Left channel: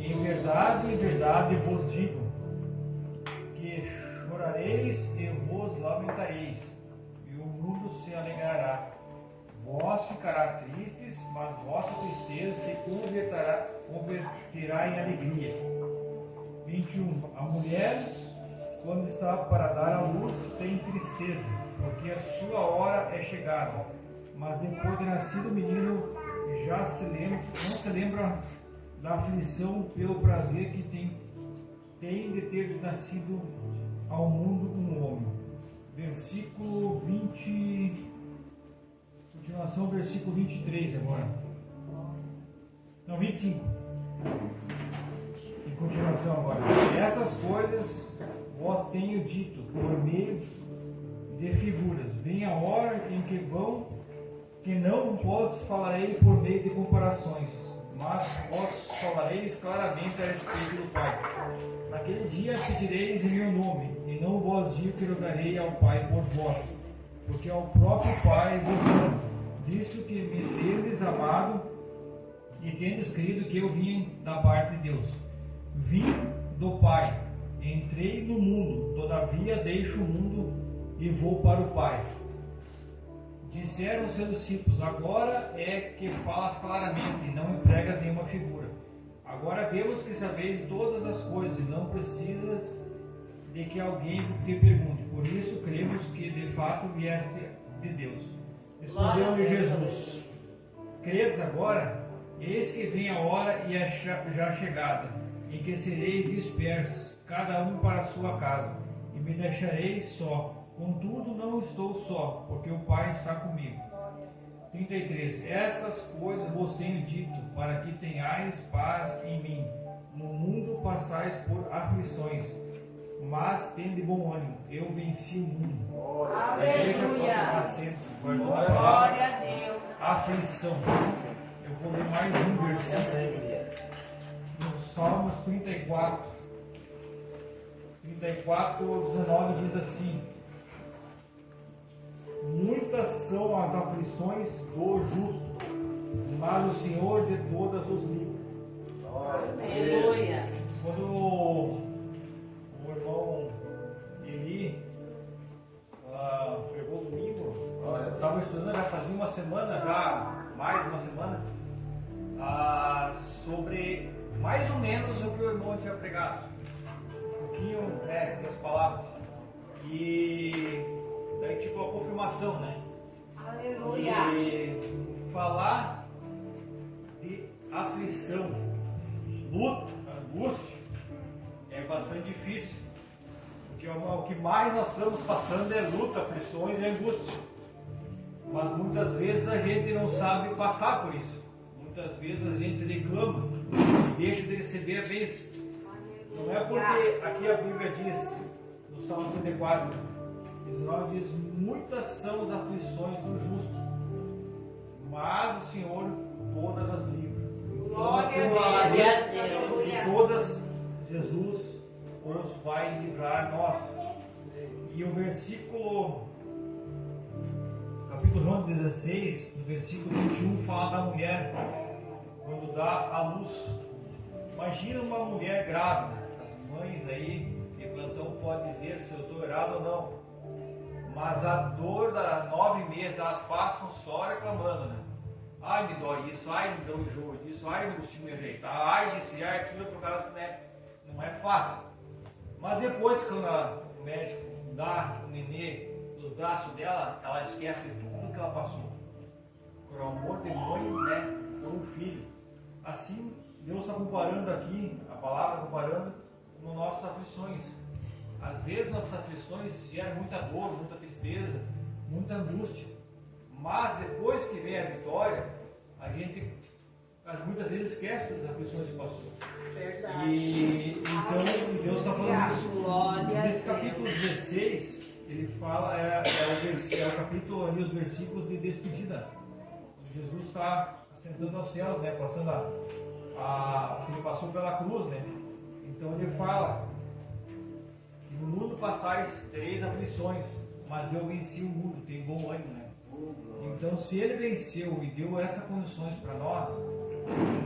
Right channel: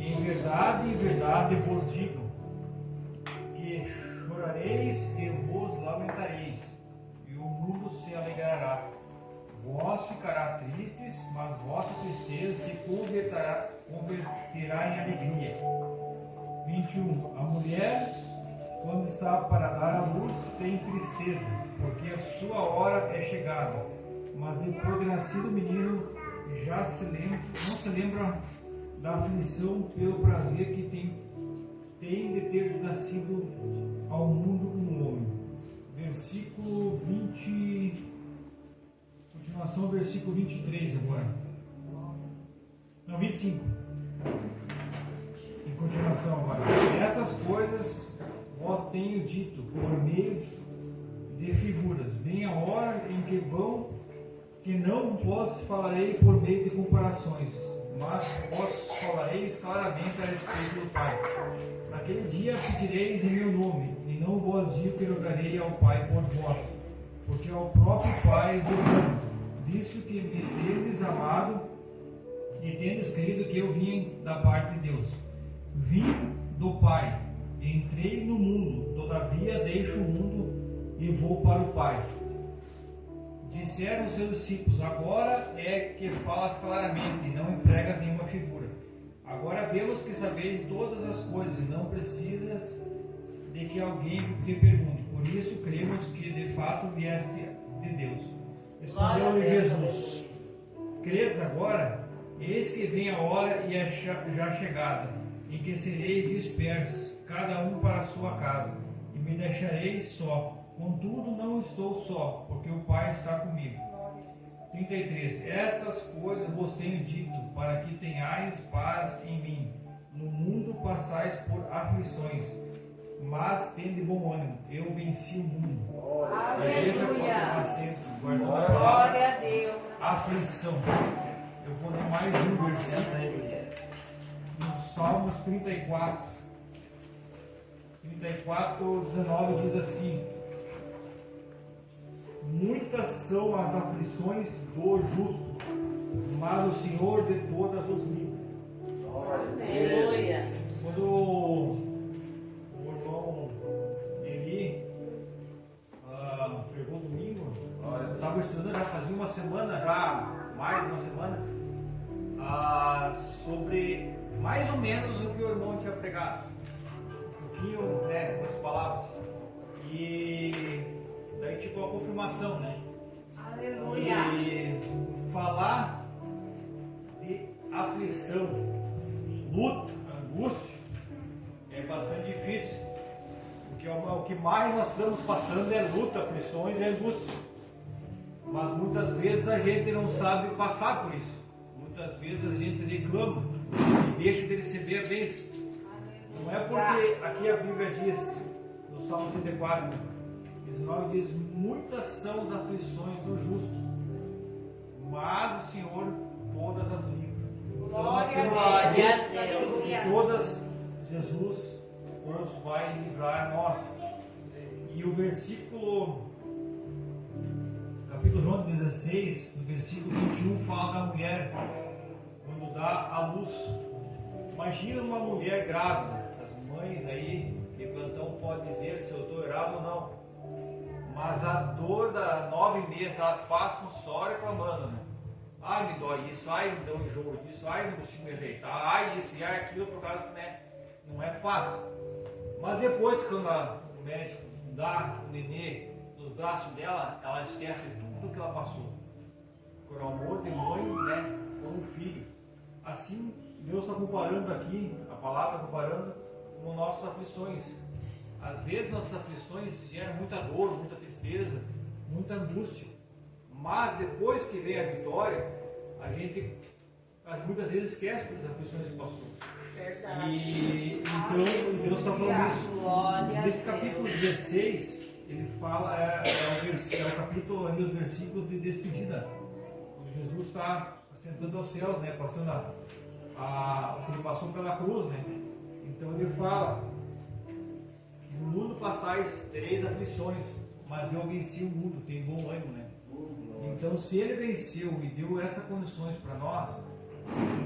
Em verdade vos digo, que chorareis e vos lamentareis, e o mundo se alegrará. Vós ficará tristes, mas vossa tristeza se converterá em alegria. 21. A mulher, quando está para dar à luz, tem tristeza, porque a sua hora é chegada. Mas depois de nascido o menino, não se lembra da aflição pelo prazer que tem de ter nascido ao mundo um homem. Versículo 20. Continuação, versículo 23 agora. Não, 25. Em continuação agora. Essas coisas vos tenho dito por meio de figuras. Vem a hora em que não vos falarei por meio de comparações, mas vos falareis claramente a respeito do Pai. Naquele dia pedireis em meu nome, e não vos digo que rogarei ao Pai por vós, porque ao próprio Pai vos amo, visto que me tendes amado e tendes crido que eu vim da parte de Deus. Vim do Pai, entrei no mundo, todavia deixo o mundo e vou para o Pai. Disseram os seus discípulos: agora é que falas claramente e não empregas nenhuma figura. Agora vemos que sabeis todas as coisas e não precisas de que alguém te pergunte. Por isso cremos que de fato vieste de Deus. Respondeu-lhe Jesus: credes agora? Eis que vem a hora e é já chegada, em que sereis dispersos, cada um para a sua casa, e me deixareis só. Contudo, não estou só, porque o Pai está comigo. 33. Estas coisas vos tenho dito, para que tenhais paz em mim. No mundo passais por aflições, mas tende bom ânimo. Eu venci o mundo. Aleluia. Glória a Deus. Aflição. Eu vou ler mais um versículo. No Salmos 34. 34:19 diz assim: muitas são as aflições do justo, mas o Senhor de todas os livra. Aleluia. Quando o irmão Eli pregou domingo, eu estava estudando, já fazia uma semana, já mais de uma semana, sobre mais ou menos o que o irmão tinha pregado. Um pouquinho, com as palavras. E daí tipo a confirmação, né? Aleluia. E falar de aflição, luta, angústia é bastante difícil, porque o que mais nós estamos passando é luta, aflições e angústia. Mas muitas vezes a gente não sabe passar por isso. Muitas vezes a gente reclama e deixa de receber a bênção. Não é porque aqui a Bíblia diz, no Salmo 34, 19 diz: muitas são as aflições do justo, mas o Senhor todas as livra. Glória a Deus. Todas Jesus nos vai livrar nós. E o versículo, capítulo João 16, no versículo 21, fala da mulher quando dá à luz. Imagina uma mulher grávida. As mães aí, que plantão pode dizer se eu estou errado ou não. Mas a dor da 9 meses, elas passam só reclamando, né? Ai, me dói isso, ai, me dá um enjoo disso, ai, não consigo me ajeitar, ai, isso e ai, aquilo, por causa, né? Não é fácil. Mas depois, quando o médico dá o nenê nos braços dela, ela esquece tudo que ela passou. Por amor de mãe, né? Por um filho. Assim, Deus está comparando aqui, a palavra está comparando com nossas aflições. Às vezes nossas aflições geram muita dor, muita tristeza, muita angústia. Mas depois que vem a vitória, a gente muitas vezes esquece das aflições que passou. Verdade. E então Deus está falando isso. Nesse capítulo 16, ele fala, é o capítulo ali, os versículos de despedida. Jesus está assentando aos céus, né? Passando ele passou pela cruz, né? Então ele fala: no mundo passais tereis aflições, mas eu venci o mundo, tem bom ânimo, né? Então, se ele venceu e deu essas condições para nós,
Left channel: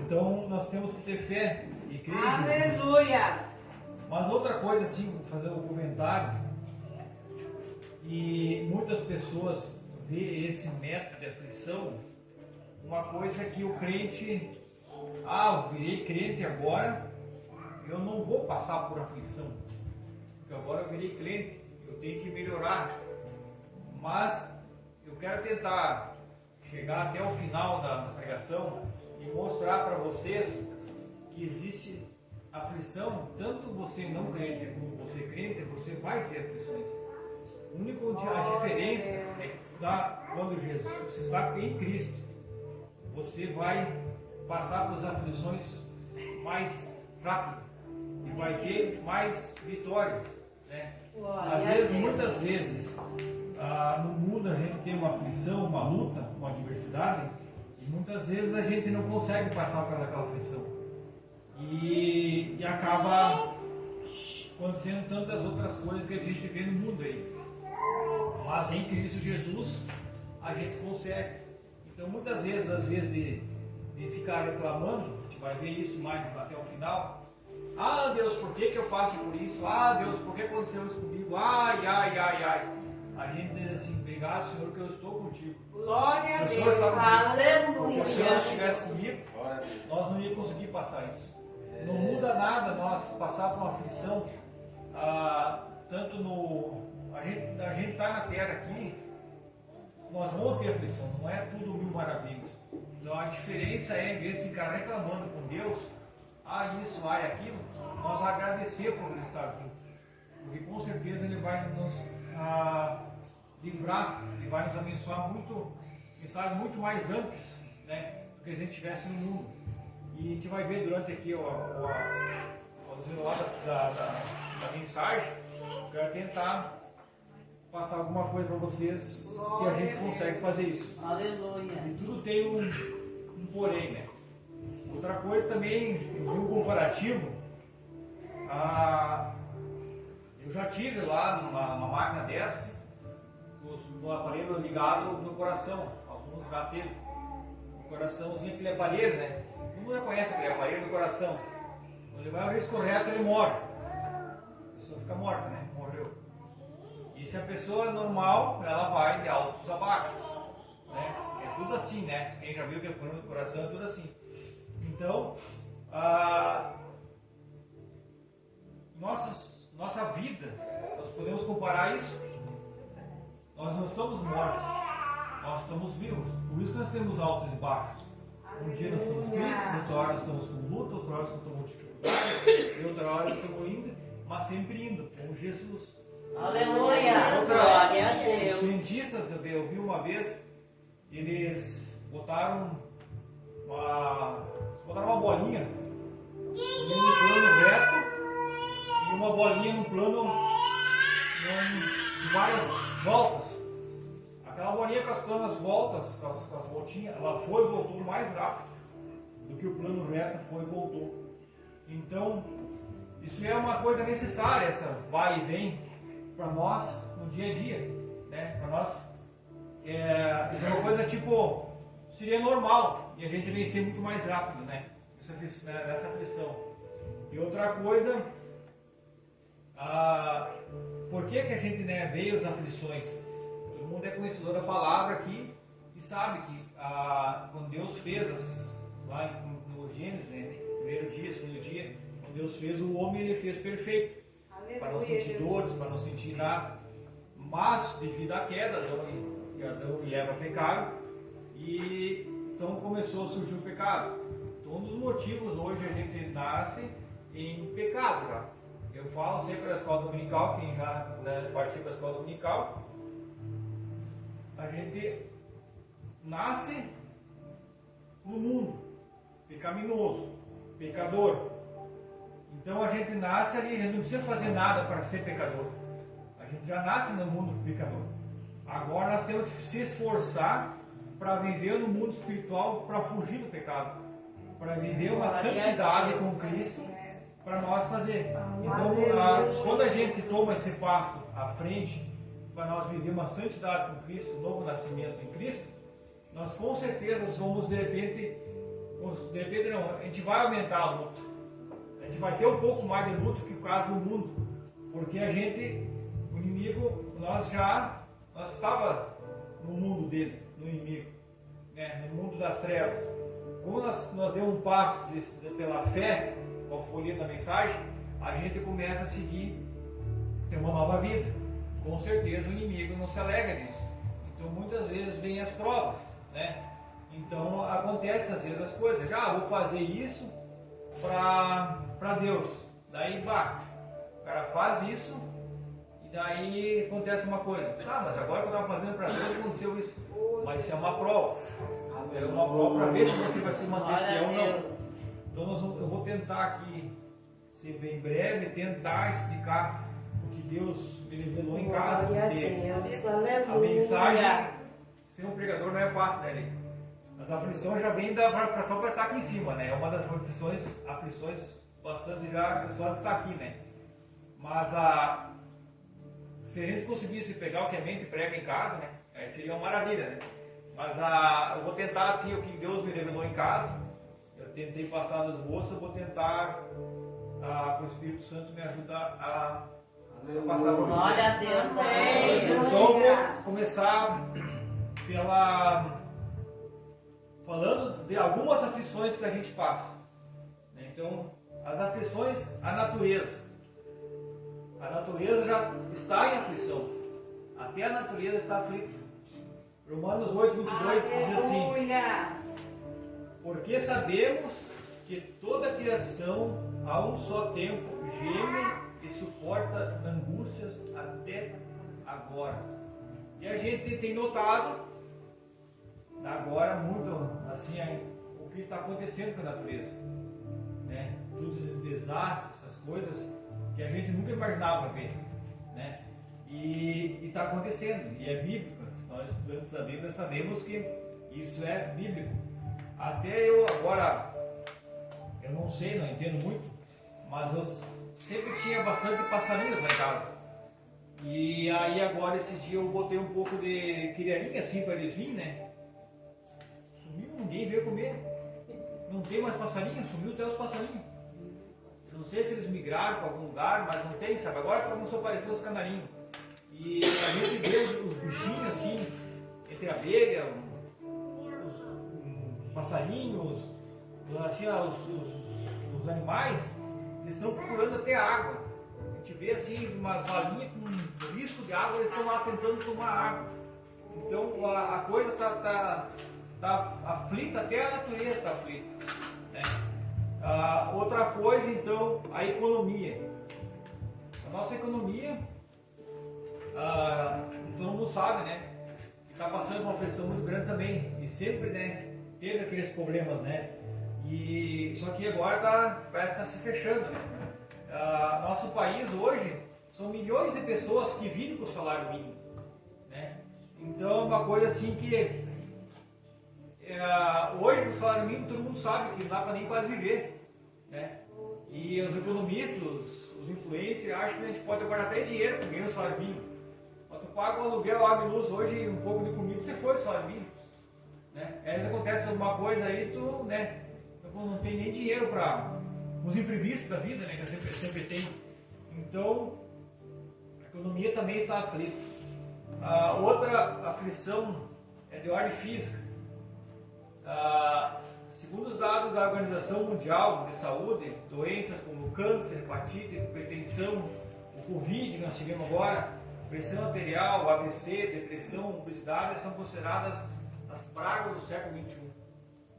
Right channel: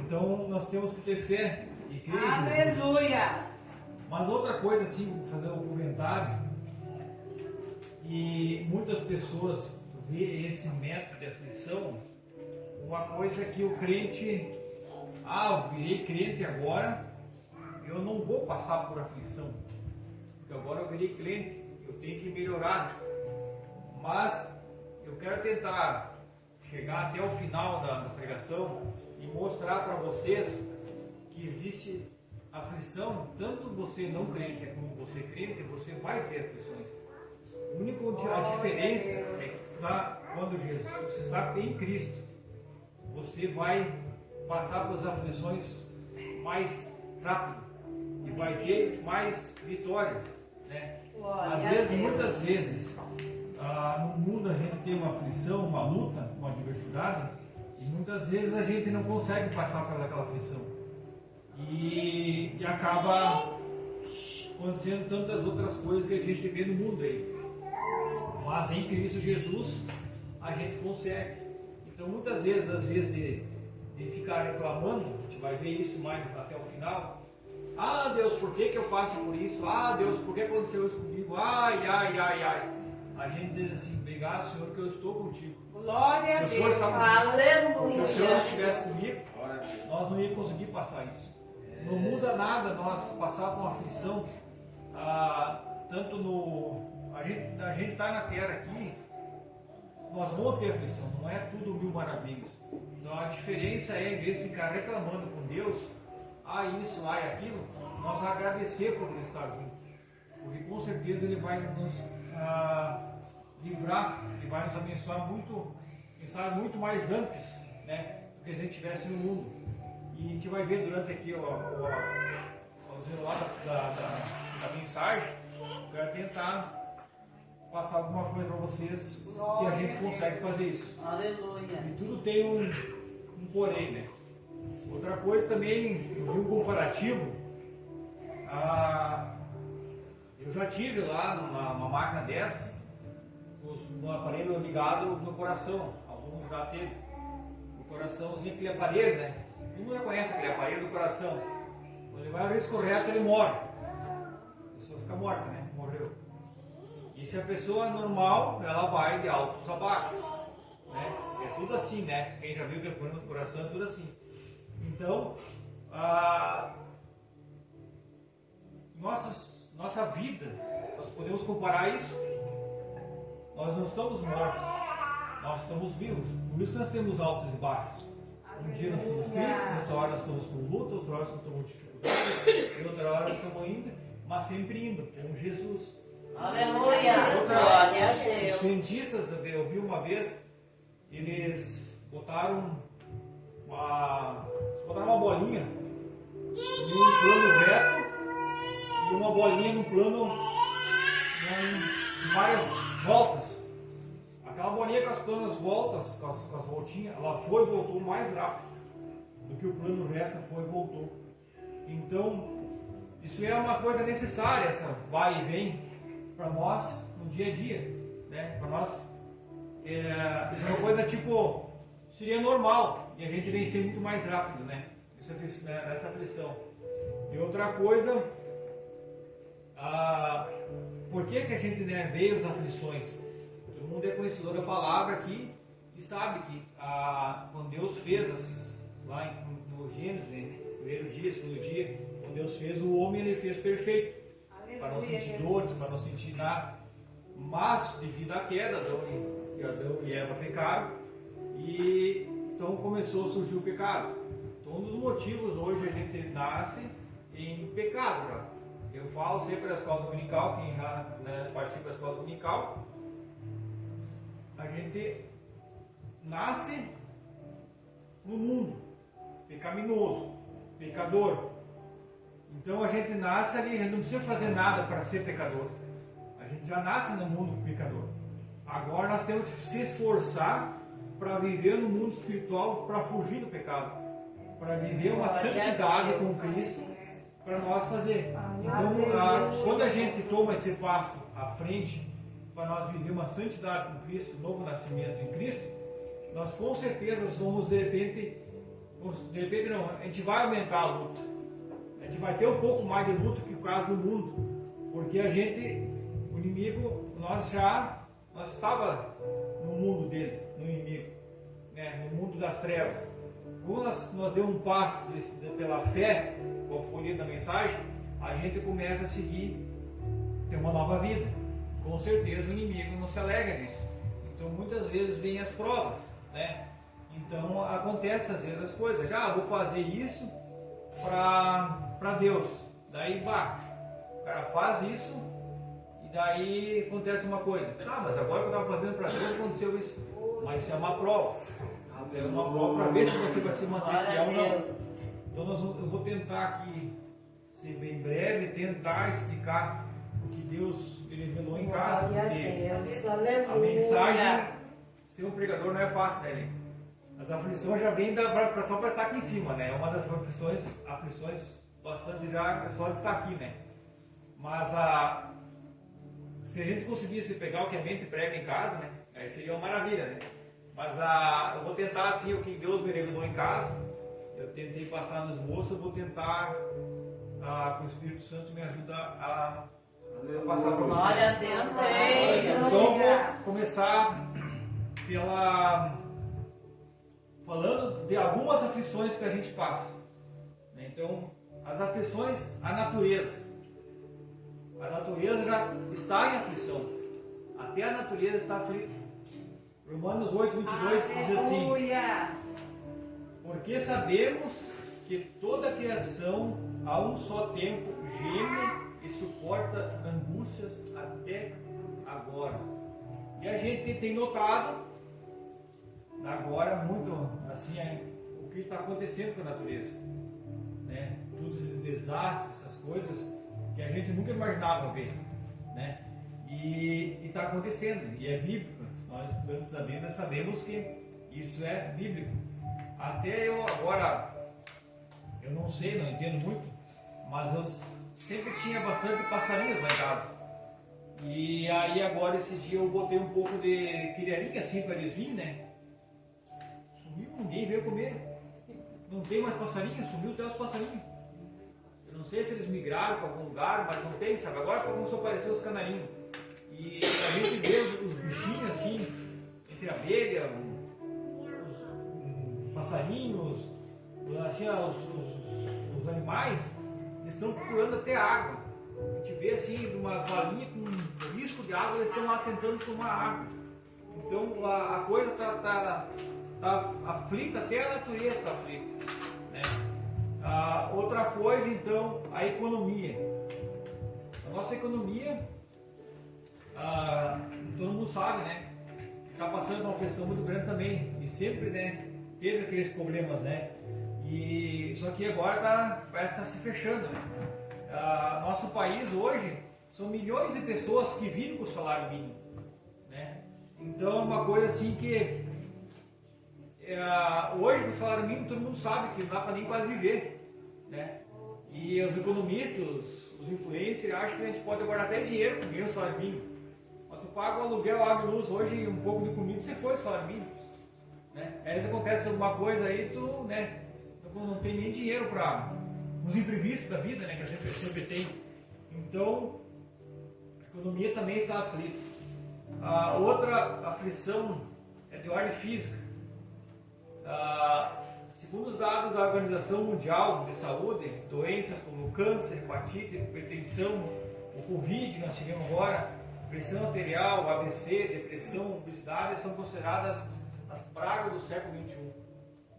então nós temos que ter fé e crê em Jesus. Aleluia. Mas outra coisa, assim, vou fazer um comentário, e muitas pessoas veem esse método de aflição, uma coisa que o crente, eu virei crente agora, eu não vou passar por aflição, porque agora eu virei crente, eu tenho que melhorar. Mas eu quero tentar chegar até o final da pregação e mostrar para vocês que existe aflição, tanto você não crente como você crente, você vai ter aflições. A diferença é que quando Jesus está em Cristo, você vai passar por aflições mais rápido e vai ter mais vitória, né? Às vezes, muitas vezes, no mundo a gente tem uma aflição, uma luta, uma adversidade, e muitas vezes a gente não consegue passar por aquela aflição. E acaba acontecendo tantas outras coisas que a gente vê no mundo aí. Mas em Cristo Jesus a gente consegue. Então muitas vezes, às vezes de ficar reclamando, a gente vai ver isso mais até o final. Deus, por que eu passo por isso? Deus, por que aconteceu isso comigo? Ai. A gente diz assim, obrigado, Senhor, que eu estou contigo. Glória a Deus. Se o Senhor Aleluia. estivesse comigo, nós não íamos conseguir passar isso. Não muda nada nós passar por uma aflição, tanto a gente está na terra aqui, nós vamos ter aflição, não é tudo mil maravilhas. Então a diferença é, em vez de ficar reclamando com Deus, isso, aquilo, nós agradecer por ele estar junto. Porque com certeza ele vai nos livrar, ele vai nos abençoar muito, quem sabe, muito mais antes, né, do que a gente estivesse no mundo. E a gente vai ver durante aqui o desenrolar da mensagem, eu vou tentar passar alguma coisa para vocês que a gente consegue fazer isso. Aleluia. E tudo tem um porém, né? Outra coisa também, eu vi um comparativo, eu já tive lá uma máquina dessas, no aparelho ligado no coração, alguns já teve. O coraçãozinho, aquele aparelho, né? Todo mundo já conhece aquele aparelho do coração. Quando ele vai escorrer, ele morre. A pessoa fica morta, né? Morreu. E se a pessoa normal, ela vai de altos a baixos, né? É tudo assim, né? Quem já viu que é do coração é tudo assim. Então, nossa vida, nós podemos comparar isso. Nós não estamos mortos, nós estamos vivos. Por isso nós temos altos e baixos. Um dia nós estamos tristes, outra hora nós estamos com luta, outra hora nós estamos com dificuldade, e outra hora nós estamos indo, mas sempre indo com Jesus. Aleluia. Glória a Deus. Os cientistas, eu vi uma vez, eles botaram uma bolinha no plano reto e uma bolinha no plano em várias voltas. Aquela bolinha com as planas voltas, com as voltinhas, ela foi e voltou mais rápido do que o plano reto foi e voltou. Então, isso é uma coisa necessária, essa vai e vem para nós no dia a dia, né? Para nós isso é uma coisa tipo, seria normal e a gente vencer muito mais rápido, né? Nessa aflição. E outra coisa, por que a gente, né, vê as aflições? Todo mundo é conhecedor da palavra aqui e sabe que quando Deus fez lá no Gênesis, né, primeiro dia, segundo dia, quando Deus fez o homem, ele fez perfeito. Aleluia, Para não sentir dores, para não sentir nada. Mas, devido à queda, Adão e Eva pecaram, e então começou a surgir o pecado. Então, um dos motivos hoje a gente nasce em pecado já. Eu falo sempre da escola dominical, quem já participa da escola dominical, a gente nasce no mundo pecaminoso, pecador. Então a gente nasce ali, a gente não precisa fazer nada para ser pecador. A gente já nasce no mundo pecador. Agora nós temos que se esforçar para viver no mundo espiritual, para fugir do pecado, para viver uma santidade com Cristo, para nós fazer. Então, quando a gente toma esse passo à frente, para nós viver uma santidade com Cristo, um novo nascimento em Cristo, nós com certeza vamos de repente não, a gente vai aumentar a luta. vai ter um pouco mais de luta que o caso do mundo, porque o inimigo, nós estava no mundo dele, no inimigo, né, no mundo das trevas. Quando nós demos um passo pela fé, como foi lido na mensagem, a gente começa a seguir, ter uma nova vida. Com certeza o inimigo não se alegra nisso. Então muitas vezes vem as provas, né? Então acontecem às vezes as coisas, vou fazer isso para Deus. Daí o cara faz isso e daí acontece uma coisa. Mas agora que eu estava fazendo para Deus aconteceu isso. Mas isso é uma prova. É uma prova para ver se você vai se manter fiel ou não. Então eu vou tentar aqui ser bem breve, tentar explicar o que Deus revelou em casa. A mensagem, ser um pregador não é fácil, né? As aflições já vêm da preparação para estar aqui em cima, né? É uma das aflições bastante já só de estar aqui, né? Mas se a gente conseguisse pegar o que a mente prega em casa, né? Aí seria uma maravilha, né? Mas eu vou tentar assim o que Deus me revelou em casa. Eu tentei passar nos moços, eu vou tentar que o Espírito Santo me ajude a passar por isso. Glória a Deus. Então eu vou começar falando de algumas aflições que a gente passa. Então, as aflições, a natureza. A natureza já está em aflição. Até a natureza está aflita. Romanos 8:22 diz assim: porque sabemos que toda a criação a um só tempo geme e suporta angústias até agora. E a gente tem notado agora muito assim o que está acontecendo com a natureza, né? Todos esses desastres, essas coisas que a gente nunca imaginava ver, né? E está acontecendo, e é bíblico. Nós estudantes da Bíblia sabemos que isso é bíblico. Até eu agora, eu não sei, não entendo muito, mas eu sempre tinha bastante passarinhos lá em casa. E aí agora esses dias eu botei um pouco de criarinha assim para eles virem, né? Sumiu, ninguém veio comer. Não tem mais passarinho, sumiu até os passarinhos. Eu não sei se eles migraram para algum lugar, mas não tem, sabe? Agora começou a aparecer os canarinhos. E a gente vê os bichinhos assim, entre a abelha, os passarinhos, assim, os animais, eles estão procurando até água. A gente vê assim umas valinhas com risco de água, eles estão lá tentando tomar água. Então a coisa está aflita, até a natureza está aflita, né? Outra coisa, então, a economia. A nossa economia, todo mundo sabe, né? Está passando uma pressão muito grande também. E sempre, né, teve aqueles problemas, né? Só que agora parece que está se fechando, né? Nosso país hoje são milhões de pessoas que vivem com o salário mínimo, né? Então é uma coisa assim que hoje com o salário mínimo todo mundo sabe que não dá para nem quase viver, né? E os economistas, os influencers acham que a gente pode guardar até dinheiro com o salário mínimo. Mas tu paga o aluguel, água e luz hoje, um pouco de comida, você foi o salário mínimo, né? Aí se acontece alguma coisa aí, tu, né, não tem nem dinheiro para os imprevistos da vida, né, que a gente sempre tem. Então, a economia também está aflita. Outra aflição é de ordem física. Segundo os dados da Organização Mundial de Saúde, doenças como câncer, hepatite, hipertensão, o Covid, que nós tivemos agora, pressão arterial, AVC, depressão, obesidade, são consideradas as pragas do século XXI.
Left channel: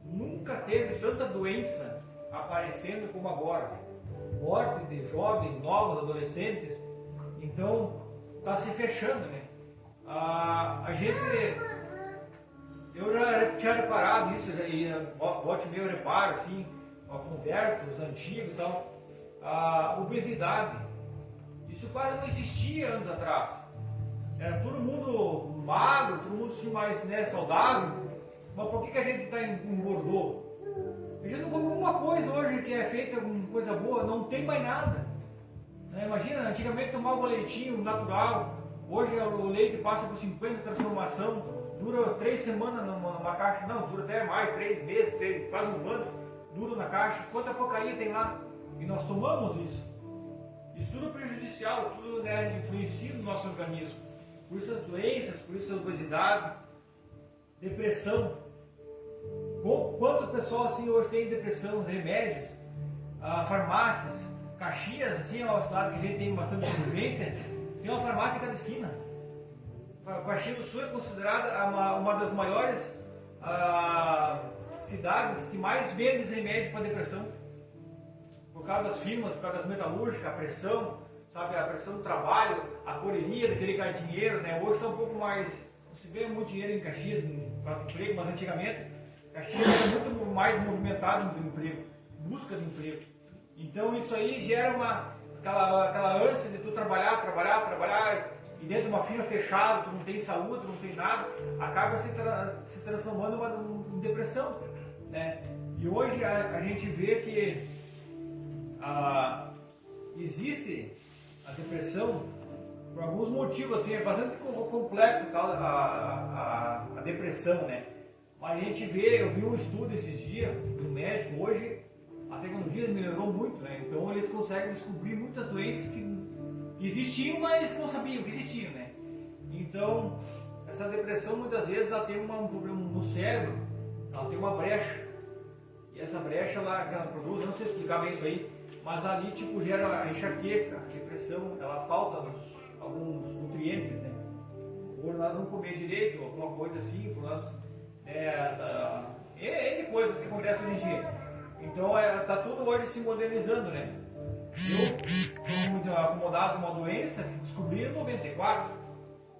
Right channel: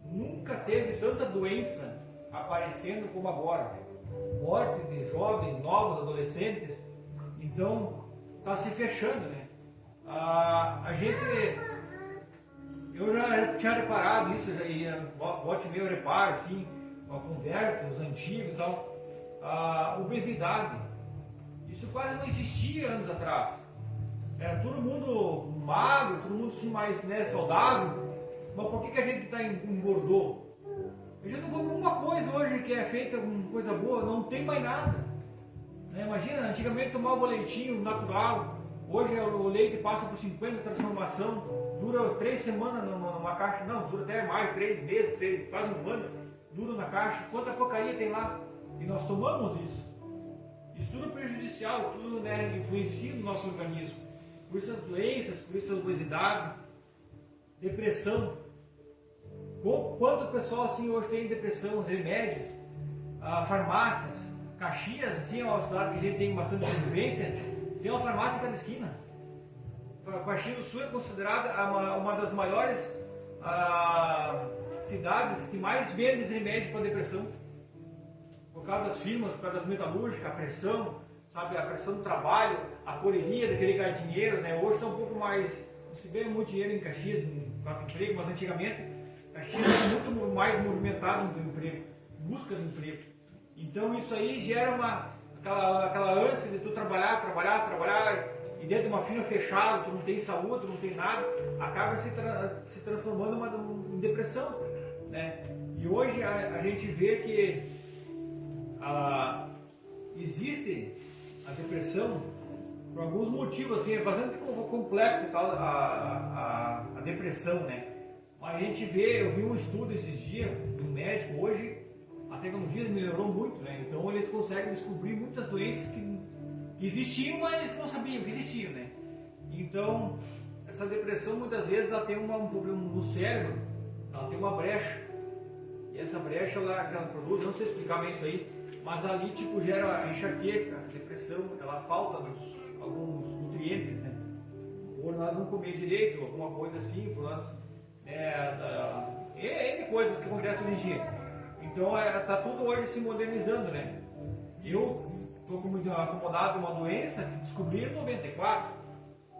Nunca teve tanta doença aparecendo como agora. Morte de jovens, novos, adolescentes. Então, está se fechando, né? Eu já tinha reparado isso, e bote meu reparo, assim, uma conversa, os antigos e tal. Obesidade. Isso quase não existia anos atrás. Era todo mundo magro, todo mundo assim, mais, né, saudável. Mas por que a gente engordou? A gente não come uma coisa hoje que é feita com coisa boa, não tem mais nada. Né? Imagina, antigamente tomava um leitinho natural, hoje o leite passa por 50 transformação, dura 3 semanas numa caixa, não, dura até mais, 3 meses, quase um ano, dura na caixa. Quanta porcaria tem lá? e nós tomamos isso. Isso tudo é prejudicial, tudo, né, influencia no nosso organismo. Por isso as doenças, por isso a obesidade, depressão. Quanto pessoal assim hoje tem depressão, remédios, farmácias, Caxias, assim, é uma cidade que a gente tem bastante convivência, tem uma farmácia em cada esquina. Caxias do Sul é considerada uma das maiores cidades que mais vende remédios para depressão. Por causa das firmas, por causa das metalúrgicas, a pressão, sabe, a pressão do trabalho, a correria de querer ganhar dinheiro, né? Hoje está um pouco mais, não se ganha muito dinheiro em Caxias, para emprego, mas antigamente Caxias era muito mais movimentado no emprego, busca de emprego. Então isso aí gera aquela ânsia de tu trabalhar, e dentro de uma firma fechada, tu não tem saúde, tu não tem nada, acaba se transformando em depressão, né? E hoje a gente vê que existe a depressão por alguns motivos, assim, é bastante complexo a depressão, né? Mas a gente vê, eu vi um estudo esses dias do médico, hoje a tecnologia melhorou muito, né? Então eles conseguem descobrir muitas doenças que existiam, mas eles não sabiam que existiam, né? Então, essa depressão muitas vezes ela tem um problema no cérebro, ela tem uma brecha. E essa brecha que ela produz, eu não sei explicar bem isso aí, mas ali tipo gera a enxaqueca, a depressão, ela falta alguns nutrientes, né? Ou nós vamos comer direito, alguma coisa assim, coisas que acontecem hoje em dia. Então está tudo hoje se modernizando, né? Eu estou muito acomodado com uma doença que descobri em 94.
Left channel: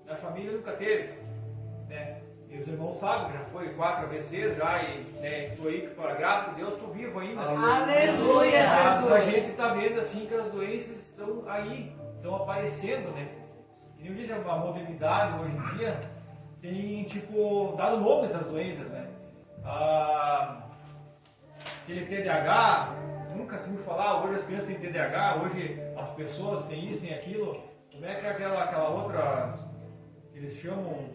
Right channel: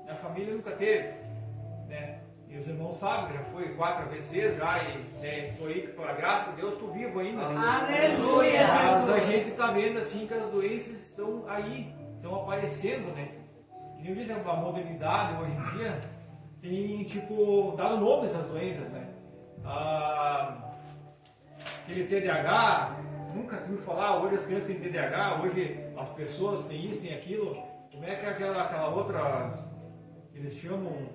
Minha família nunca teve, né? Meus irmãos sabem que já foi 4 AVCs já e estou aí, pela graça de Deus, estou vivo ainda. Aleluia, Mas Jesus. a gente está vendo assim que as doenças estão aí, estão aparecendo, né? E eu disse, a modernidade hoje em dia tem tipo dado nome a essas doenças, né? Aquele TDAH, nunca se ouviu falar, hoje as crianças têm TDAH, hoje as pessoas têm isso, tem aquilo. Como é que é aquela outra, eles chamam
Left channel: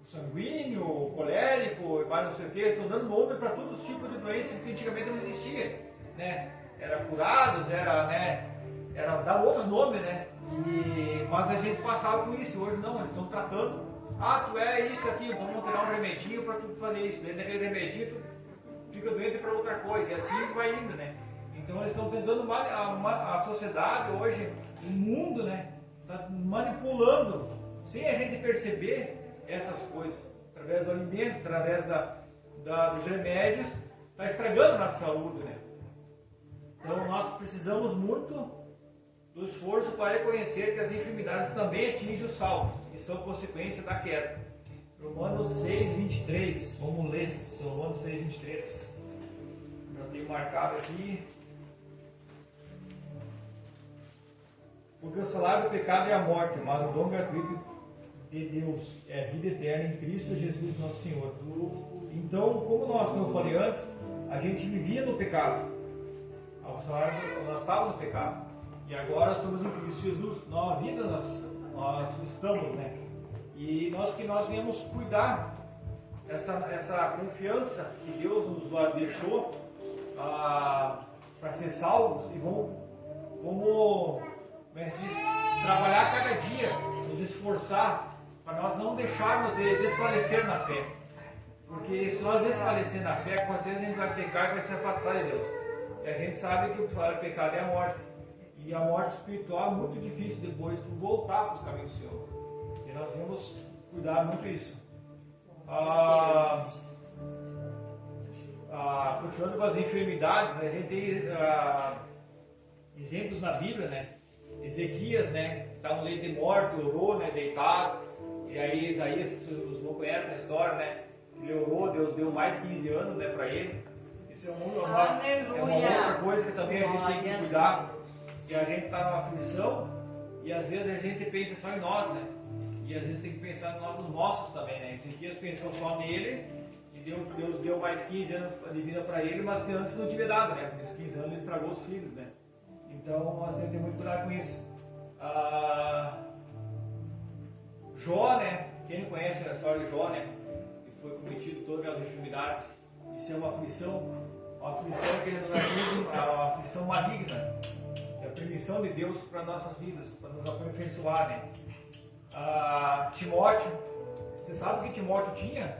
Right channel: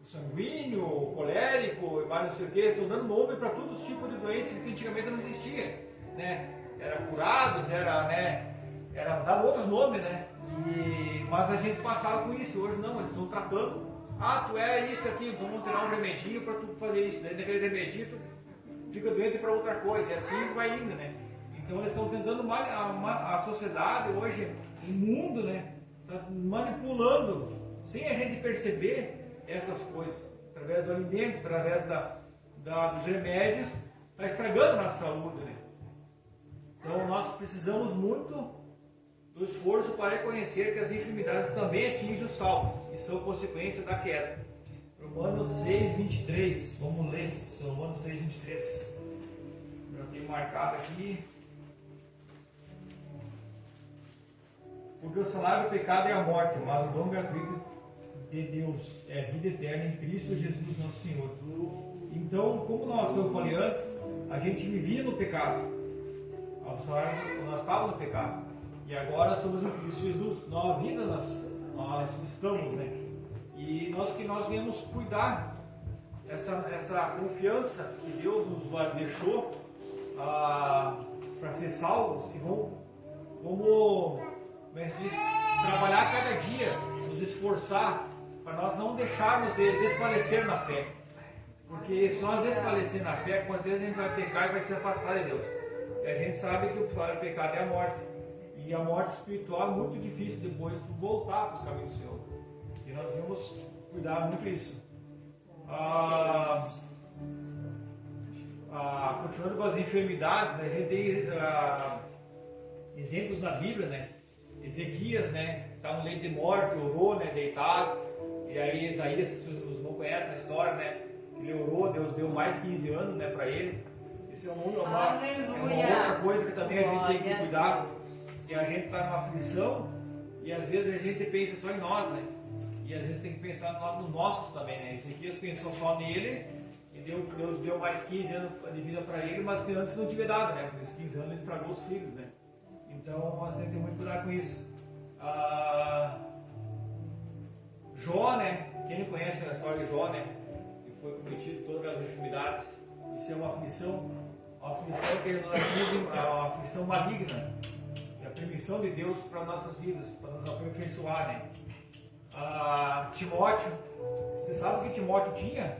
o sanguíneo, o colérico, mas não sei o que, estão dando nome para todos os tipos de doenças que antigamente não existia, né? Era curados, era dar outros nomes, né? Mas a gente passava com isso, hoje não, eles estão tratando, tu é isso aqui, vamos tirar um remedinho para tu fazer isso, daí daquele remedinho tu fica doente para outra coisa, e assim vai indo, né? Então eles estão tentando, a sociedade hoje, o mundo, né? Está manipulando, sem a gente perceber, essas coisas, através do alimento, através dos remédios, está estragando a nossa saúde, né? Então nós precisamos muito do esforço para reconhecer que as enfermidades também atingem os salvos e são consequência da queda. Romanos 6:23, vamos ler Romanos 6:23. Já tenho marcado aqui. Porque o salário do pecado é a morte, mas o dom gratuito de Deus é a vida eterna em Cristo Jesus nosso Senhor. Então, como eu falei antes, a gente vivia no pecado. Nós estávamos no pecado. E agora estamos em Cristo Jesus. Nova vida nós estamos, né? E nós viemos cuidar essa confiança que Deus nos deixou para ser salvos e vamos trabalhar cada dia, nos esforçar para nós não deixarmos de desfalecer na fé. Porque se nós desfalecer na fé, com certeza a gente vai pecar e vai se afastar de Deus. E a gente sabe que o salário do pecado é a morte. E a morte espiritual é muito difícil depois de voltar para os caminhos do Senhor. E nós vamos cuidar muito disso. Continuando com as enfermidades, né, a gente tem exemplos na Bíblia, né? Ezequias, né? Está no leito de morte, orou, né? Deitado. E aí Isaías, que os não conhecem a história, né? Ele orou, Deus deu mais 15 anos, né, para ele. Isso é uma outra coisa que também a gente tem que cuidar. Que a gente está numa aflição e às vezes a gente pensa só em nós, né? E às vezes tem que pensar nos nossos também, né? Ezequias pensou só nele e Deus deu mais 15 anos de vida para ele, mas que antes não tinha dado, né? Porque esses 15 anos estragou os filhos, né? Então nós temos que ter muito cuidado com isso. Jó, né? Quem não conhece a história de Jó, né? Que foi cometido todas as enfermidades, isso é uma aflição. a aflição que nos atinge, a aflição maligna, é a permissão de Deus para nossas vidas, para nos aperfeiçoar, né? Timóteo, você sabe o que Timóteo tinha?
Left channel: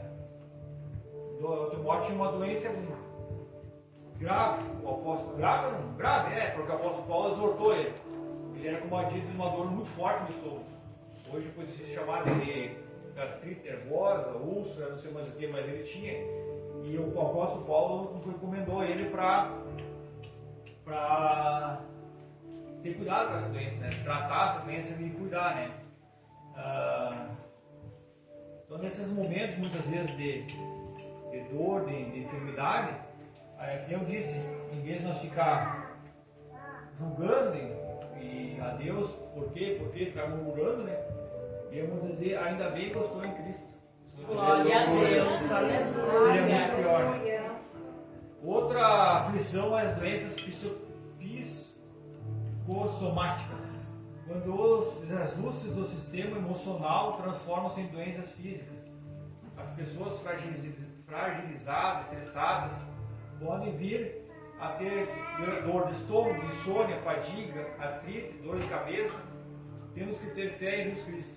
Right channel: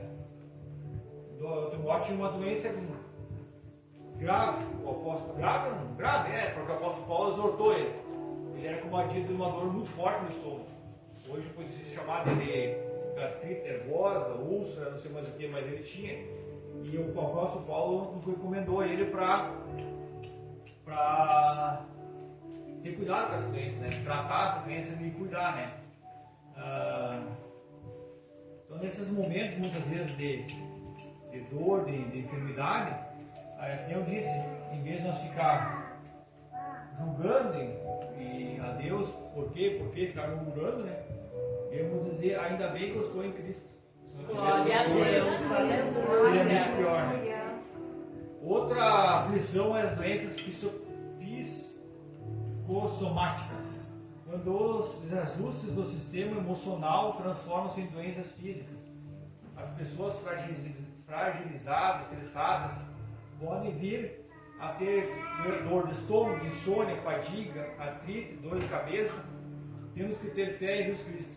Timóteo tinha uma doença grave, o apóstolo grave, porque o apóstolo Paulo exortou ele. Ele era comatido de uma dor muito forte no estômago. Hoje pode ser chamado de gastrite nervosa, úlcera, não sei mais o que, mas ele tinha. E o apóstolo Paulo recomendou ele para ter cuidado com essa doença, né? Tratar essa doença e cuidar, né? Então, nesses momentos, muitas vezes, de dor, de enfermidade, eu disse, em vez de nós ficar julgando e a Deus, por quê, ficar murmurando, né? Devemos dizer, ainda bem que eu estou em Cristo. Glória a Deus. Seria muito pior, né? Outra aflição é as doenças psicossomáticas, quando os desajustes do sistema emocional transformam-se em doenças físicas. As pessoas fragilizadas, estressadas, podem vir a ter dor de estômago, insônia, fadiga, artrite, dor de cabeça. Temos que ter fé em Jesus Cristo.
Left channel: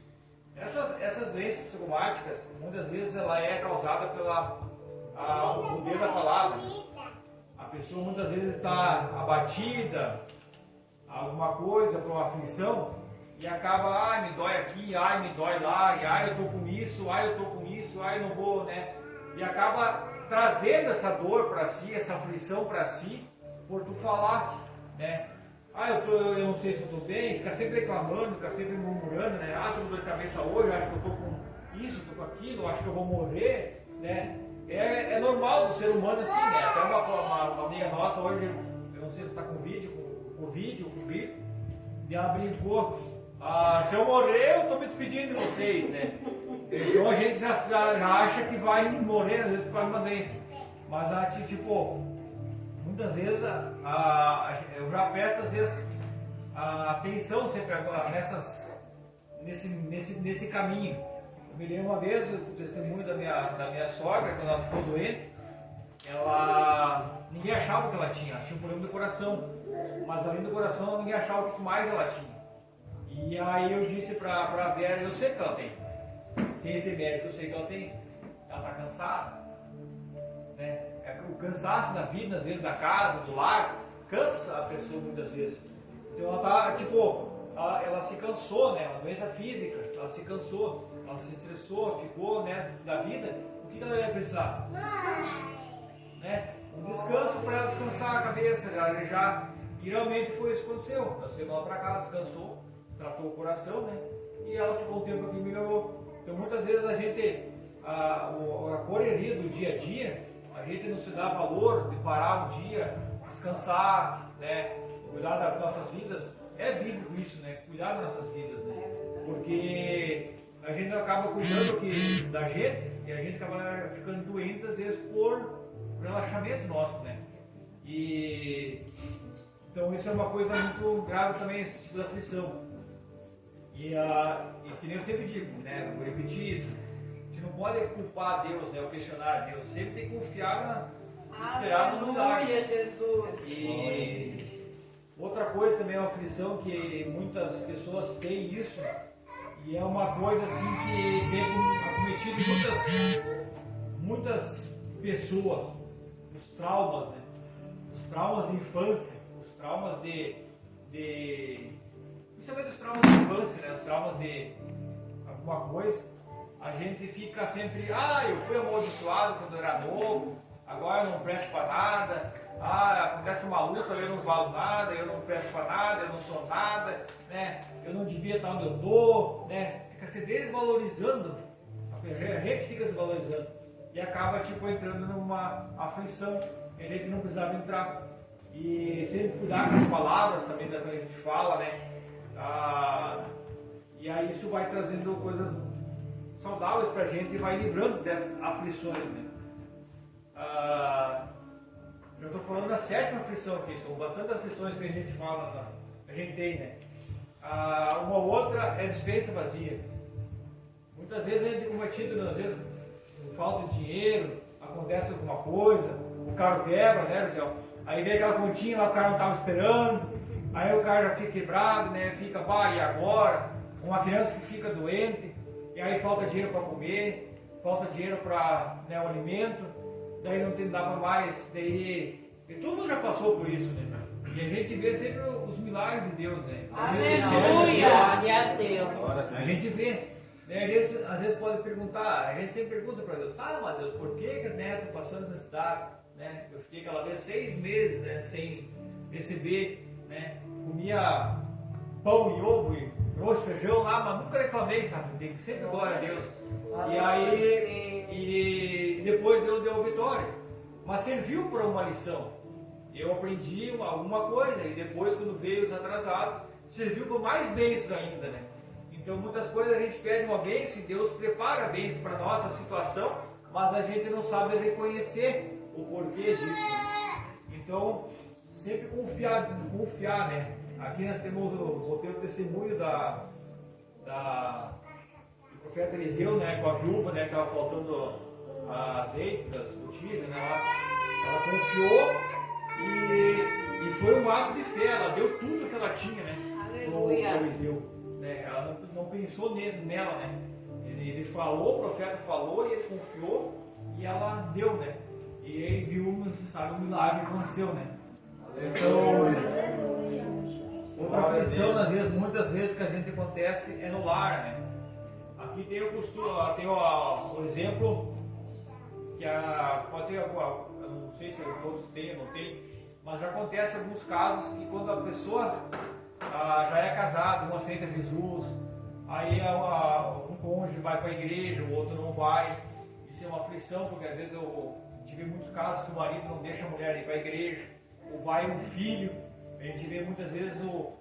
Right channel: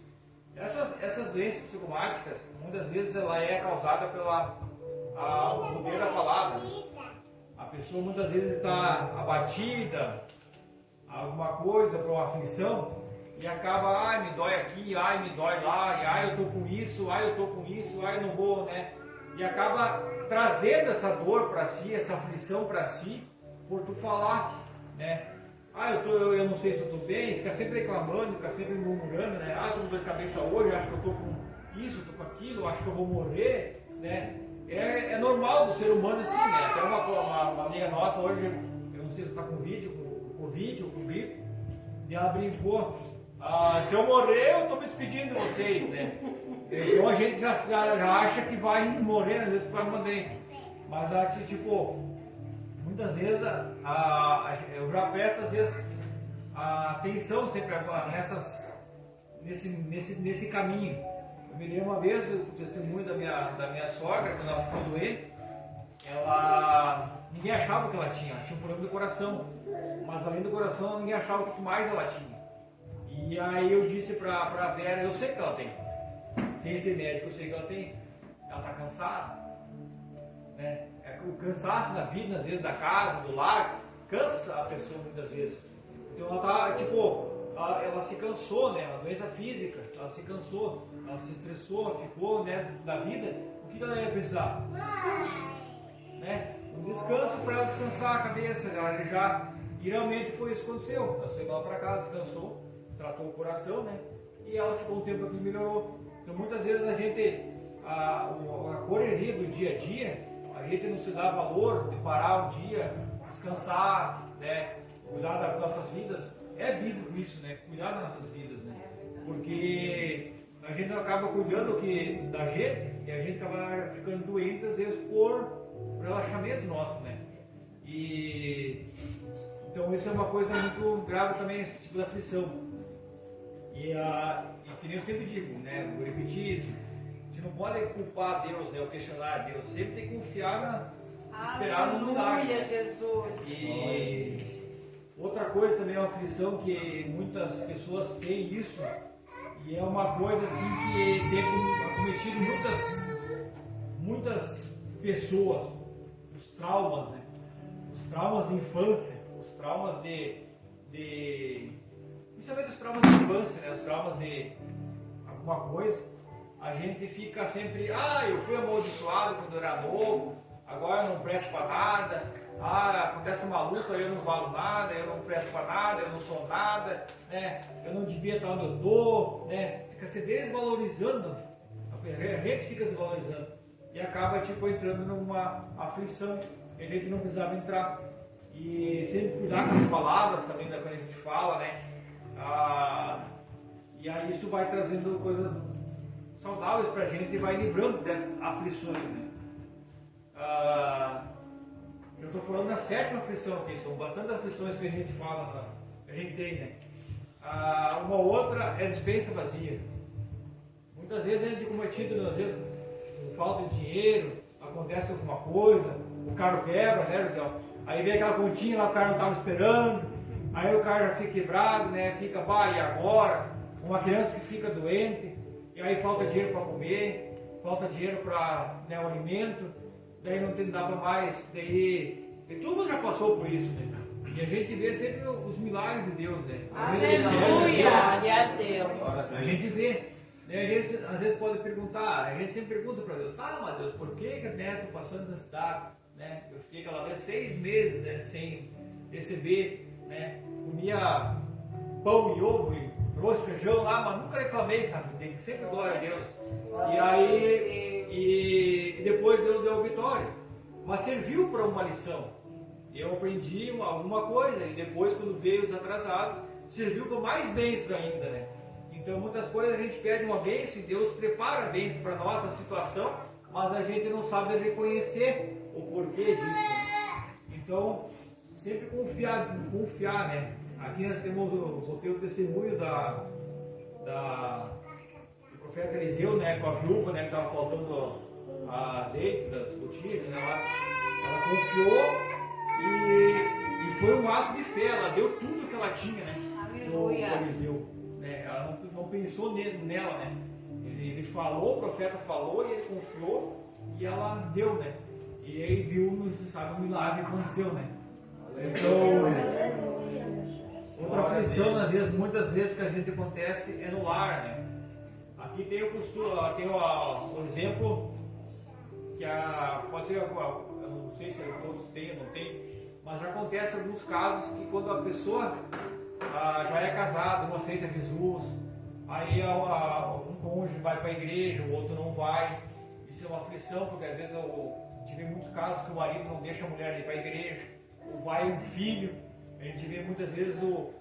Essas doenças psicomáticas, muitas vezes ela é causada pelo poder da palavra. A pessoa muitas vezes está abatida, alguma coisa, por uma aflição, e acaba, me dói aqui, me dói lá, eu estou com isso, eu não vou, né? E acaba trazendo essa dor para si, essa aflição para si, por tu falar, né? Eu não sei se eu estou bem, fica sempre reclamando, fica sempre murmurando, né? Estou com dor de cabeça hoje, acho que eu estou com isso, estou com aquilo, acho que eu vou morrer, né? É normal do ser humano assim, né? Até uma amiga nossa hoje, eu não sei se está com vídeo, com grito, e ela brincou, se eu morrer, eu estou me despedindo de vocês, né? Então a gente já acha que vai morrer, às vezes, por causa de uma doença. Mas, muitas vezes, eu já presto, às vezes, a atenção sempre nesse caminho. Eu me lembro uma vez, o testemunho da minha sogra, que ela ficou doente, ninguém achava que ela tinha um problema do coração. Mas além do coração, ninguém achava o que mais ela tinha. E aí eu disse para a Vera, eu sei que ela tem. Sem ser médico, eu sei que ela tem. Ela está cansada. Né? O cansaço da vida, às vezes, da casa, do lar, cansa a pessoa muitas vezes. Então ela está, ela se cansou, né? Uma doença física, ela se cansou, ela se estressou, ficou, né, da vida. O que ela ia precisar? Né? Um descanso para ela descansar a cabeça. E realmente foi isso que aconteceu. Ela chegou lá para casa, descansou, tratou o coração, né? E ela ficou um tempo aqui e melhorou. Então muitas vezes a gente, a correria do dia a dia, a gente não se dá valor de parar um dia, descansar, né? Cuidar das nossas vidas. É bíblico isso, né? Cuidar das nossas vidas, né? Porque a gente acaba cuidando da gente e a gente acaba ficando doente às vezes por relaxamento nosso, né? Então isso é uma coisa muito grave também, esse tipo de aflição. E que nem eu sempre digo, né? Vou repetir isso. A gente não pode culpar Deus, né? Ou questionar Deus. Sempre tem que confiar esperar no milagre. Aleluia, Jesus. E outra coisa também é uma aflição que muitas pessoas têm isso. E é uma coisa assim que tem acometido muitas pessoas. Os traumas, né? Os traumas de infância, os traumas principalmente os traumas de infância, né? Os traumas de alguma coisa, a gente fica sempre, eu fui amaldiçoado quando eu era novo, agora eu não presto para nada, acontece uma luta, eu não valo nada, eu não presto para nada, eu não sou nada, né? Eu não devia estar onde eu estou, né? Fica se desvalorizando, a gente fica se valorizando e acaba entrando numa aflição que a gente não precisava entrar. E sempre cuidar com as palavras também, da coisa que a gente fala, né? E aí isso vai trazendo coisas saudáveis para a gente e vai livrando dessas aflições, né? Eu estou falando da 7ª aflição aqui, são bastante aflições que a gente fala, a gente tem, né? Uma outra é despensa vazia. Muitas vezes a gente é cometido, às vezes, por falta de dinheiro, acontece alguma coisa, o carro quebra, né, José? Aí vem aquela continha lá, o cara não estava esperando, aí o cara já fica quebrado, né? Fica, e agora? Uma criança que fica doente, e aí falta dinheiro para comer, falta dinheiro para, né, o alimento, daí não tem dava mais, daí. E todo mundo já passou por isso, né? E a gente vê sempre os milagres de Deus, né? Aleluia! Glória a Deus. A gente vê. Né? Às vezes pode perguntar, a gente sempre pergunta para Deus, mas Deus, por que né, estou passando essa cidade? Né? Eu fiquei aquela vez 6 meses, né, sem receber, né? Comia pão e ovo e arroz e feijão lá, mas nunca reclamei, sabe? Sempre glória a Deus. E aí, e depois Deus deu vitória. Mas serviu para uma lição. Eu aprendi alguma coisa e depois, quando veio os atrasados, serviu para mais bênçãos ainda, né? Então, muitas coisas a gente pede uma bênção e Deus prepara a bênção para a nossa situação, mas a gente não sabe reconhecer o porquê disso. Né? Então, sempre confiar, né? Aqui nós temos o testemunho do profeta Eliseu, né? Com a viúva, né? Que estava faltando azeite das botijas, né? Ela confiou. E foi um ato de fé, ela deu tudo que ela tinha, né? Aleluia. No Eliseu, né? Ela não pensou nela, né? Ele falou, o profeta falou, e ele confiou, e ela deu, né? E aí viu, você sabe, o milagre aconteceu, né? Então, outra aflição, muitas vezes que a gente acontece é no lar, né? Aqui tem o exemplo que pode ser, não sei se todos têm ou não tem, mas acontece alguns casos que quando a pessoa já é casada, uma aceita Jesus, aí um cônjuge vai para a igreja, o outro não vai. Isso é uma aflição, porque às vezes eu tive muitos casos que o marido não deixa a mulher ir para a igreja, ou vai um filho. A gente vê muitas vezes o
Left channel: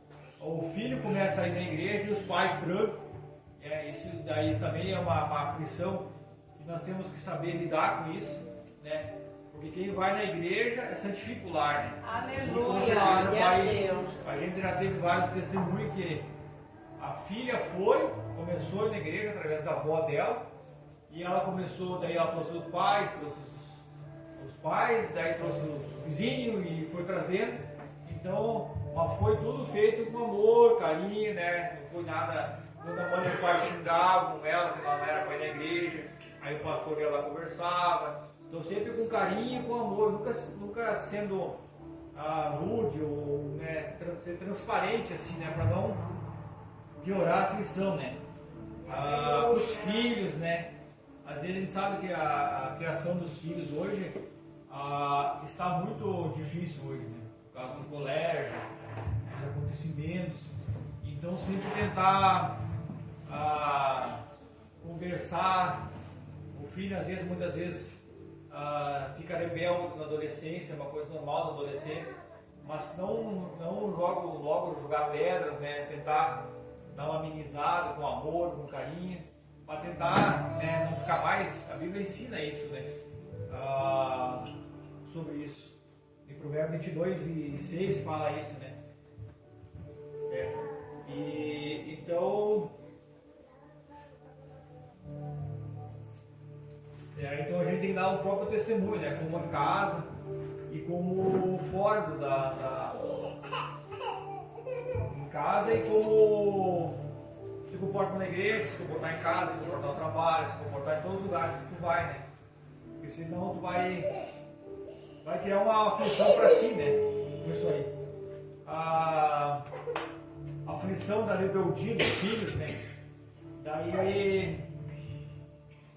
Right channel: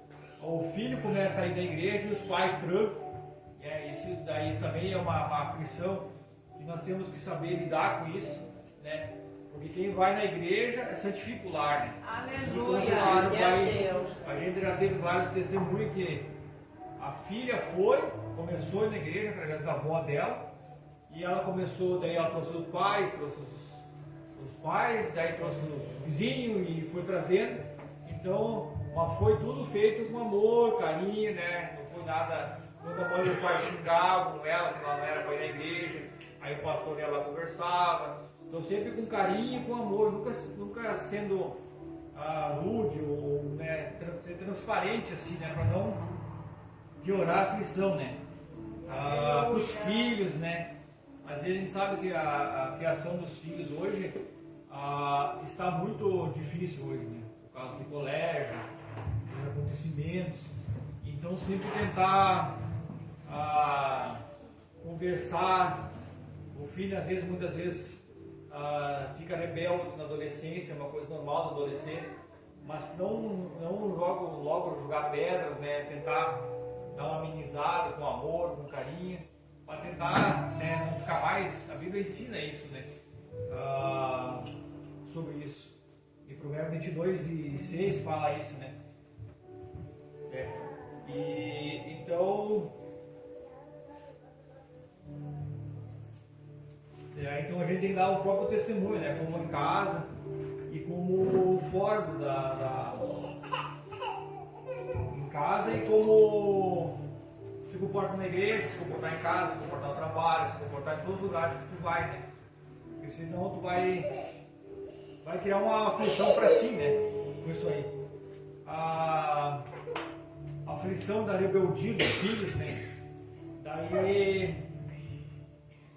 filho começa a ir na igreja e os pais trancam. Isso daí também é uma aflição que nós temos que saber lidar com isso, né? Porque quem vai na igreja é santifica o lar, né? Aleluia, glória a Deus. A gente já teve vários testemunhos que a filha começou na igreja através da avó dela, e ela começou, daí ela trouxe os pais, daí trouxe os vizinhos e foi trazendo. Então, mas foi tudo feito com amor, carinho, né? Não foi nada, quando a mãe e o pai xingavam com ela, que ela não era para ir na igreja, aí o pastor dela conversava. Então sempre com carinho e com amor, nunca sendo rude ou, né, ser transparente assim, né, para não piorar a aflição, né. Os filhos, né, às vezes a gente sabe que a criação dos filhos hoje está muito difícil hoje, né, por causa do colégio, dos acontecimentos. Então sempre tentar conversar. O filho muitas vezes fica rebelde na adolescência, é uma coisa normal do adolescente, mas não logo jogar pedras, né? Tentar dar uma amenizada com amor, com carinho, para tentar, né, não ficar mais. A Bíblia ensina isso, né? Sobre isso. Em Provérbios 22:6 fala isso, né? E então. Então a gente tem que dar o próprio testemunho, né? Como em casa e como fora em casa, e como se comporta na igreja, se comportar em casa, se comportar no trabalho, se comportar em todos os lugares que tu vai, né? Porque senão tu vai criar uma aflição para si, né? Com isso aí. A aflição da rebeldia dos filhos, né? Daí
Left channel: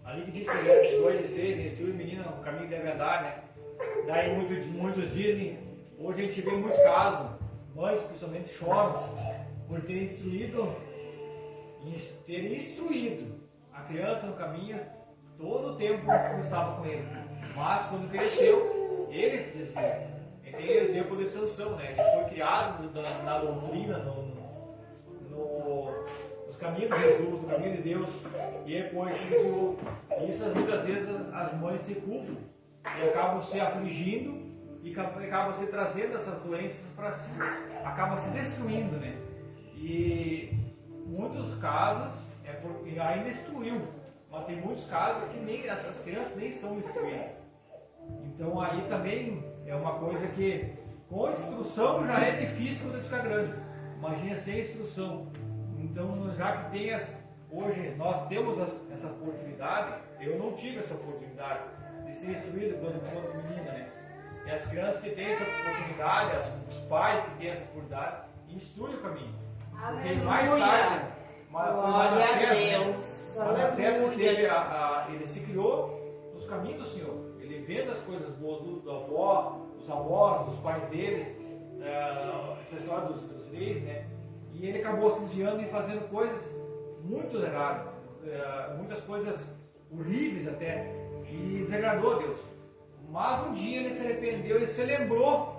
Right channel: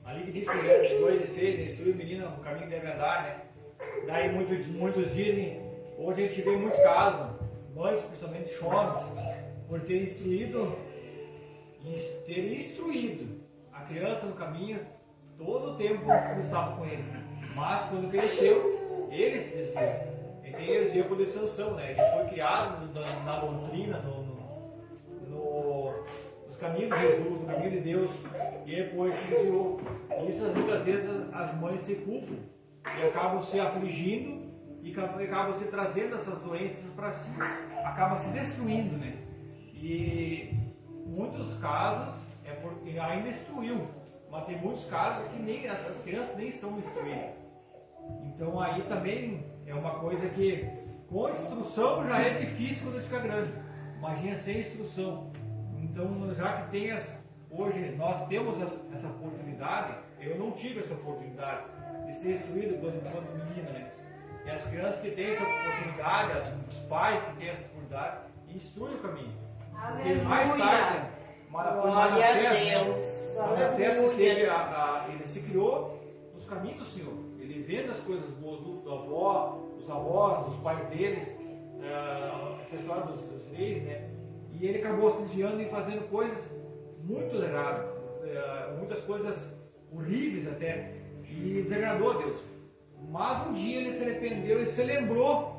ali que diz que Provérbios 2:6, instrui o menino no caminho da verdade, né? Daí muitos dizem, hoje a gente vê muito caso, mães principalmente choram por ter instruído a criança no caminho todo o tempo que estava com ele. Mas quando cresceu, ele se desviou. Então ele exemplo de Sansão, né? Ele foi criado na doutrina, nos caminhos de Jesus, no caminho de Deus, e depois se desviou. Isso muitas vezes as mães se culpam e acabam se afligindo e acabam se trazendo essas doenças para si, acabam se destruindo, né? E muitos casos é porque ainda instruiu, mas tem muitos casos que nem as crianças nem são instruídas. Então aí também é uma coisa que com instrução já é difícil quando ficar grande. Imagina sem instrução. Então já que tem hoje nós temos essa oportunidade, eu não tive essa oportunidade de ser instruído quando eu era menino, né? E as crianças que têm essa oportunidade, os pais que têm essa oportunidade, instruem o caminho. Porque mais tarde, Glória a Deus. Manassés Aleluia. ele se criou nos caminhos do Senhor. Ele vendo as coisas boas do avó, dos avós, dos pais deles, essa história dos reis, né? E ele acabou se desviando e fazendo coisas muito erradas, muitas coisas horríveis até, e desagradou a Deus. Mas um dia ele se arrependeu e se lembrou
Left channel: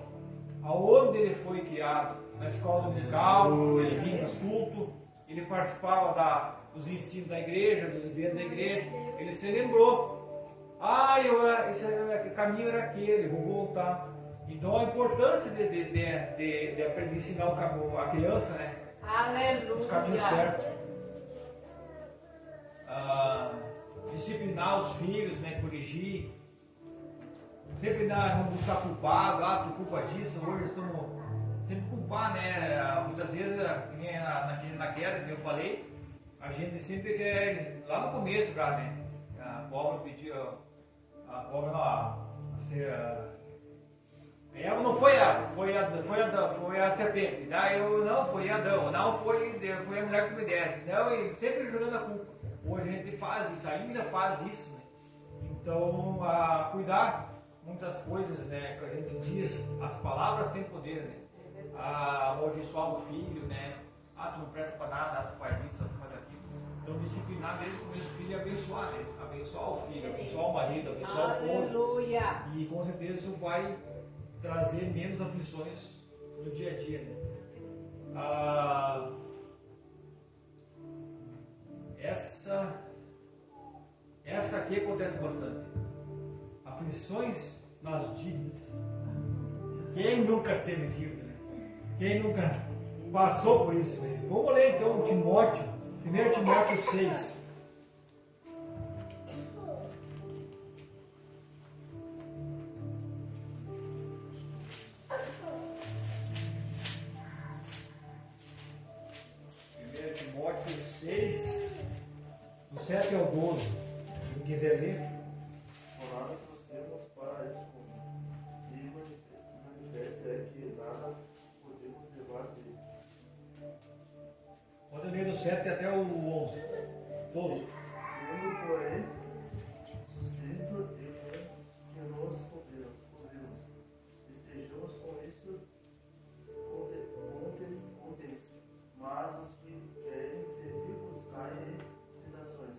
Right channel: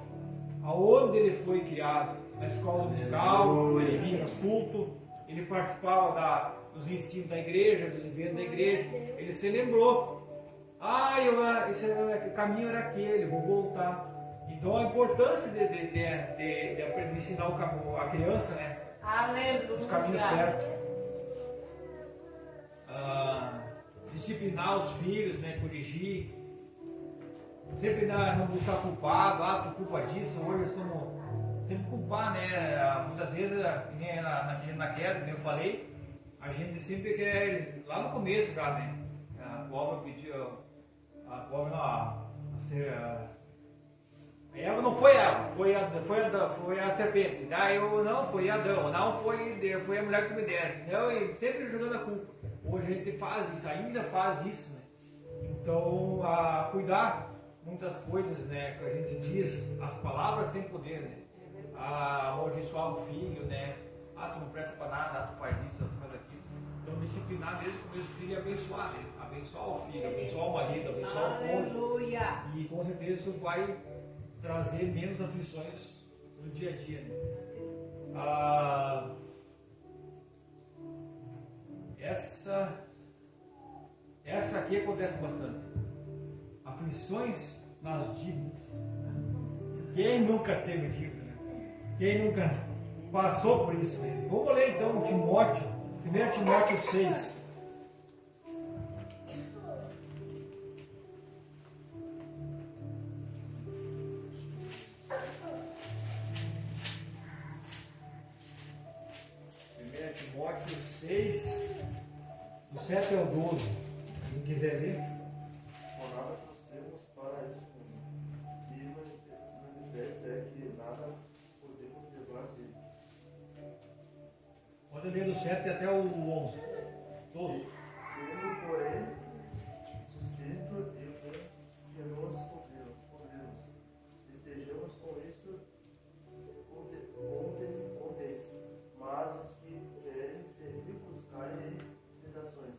aonde ele foi criado, na escola dominical, ele vinha nos cultos, ele participava dos ensinos da igreja, dos eventos da igreja, ele se lembrou, esse caminho era aquele, vou voltar. Então a importância de aprender a ensinar a criança, né? Aleluia. Os caminhos certos. Disciplinar os filhos, né? Corrigir. Sempre não buscar culpado, tu culpa disso, hoje estamos sempre culpar, né? Muitas vezes, na queda, como eu falei, a gente sempre quer, lá no começo, cara, né? A cobra pediu, Eva não foi Eva, foi a serpente. Daí foi Adão, não foi a mulher que me desse. Não, e sempre jogando a culpa. Hoje a gente faz isso, ainda faz isso, né? Então, cuidar muitas coisas, né? Que a gente diz, as palavras têm poder, né? Amaldiçoar o filho, né? Tu não presta para nada, tu faz isso, tu faz aquilo. Então, disciplinar mesmo com os filhos e abençoar, né? Abençoar o filho, abençoar o marido, abençoar o cônjuge. Aleluia. E com certeza isso vai trazer menos aflições no dia a dia, né? Essa aqui acontece bastante. Aflições nas dívidas. Quem nunca teve dívida, né? Quem nunca passou por isso, né? Vamos ler então Timóteo, 1 Timóteo 6. Timóteo 6, do 7 ao 12. Quem quiser ler? Nada trouxemos para este mundo, e manifesta é que nada podemos levar dele. Pode ler do 7 até o 11. 12. Tendo, porém, suscrito e que nos ouvimos, estejamos com isso contentes, mas os que querem ser ricos caem em tentações,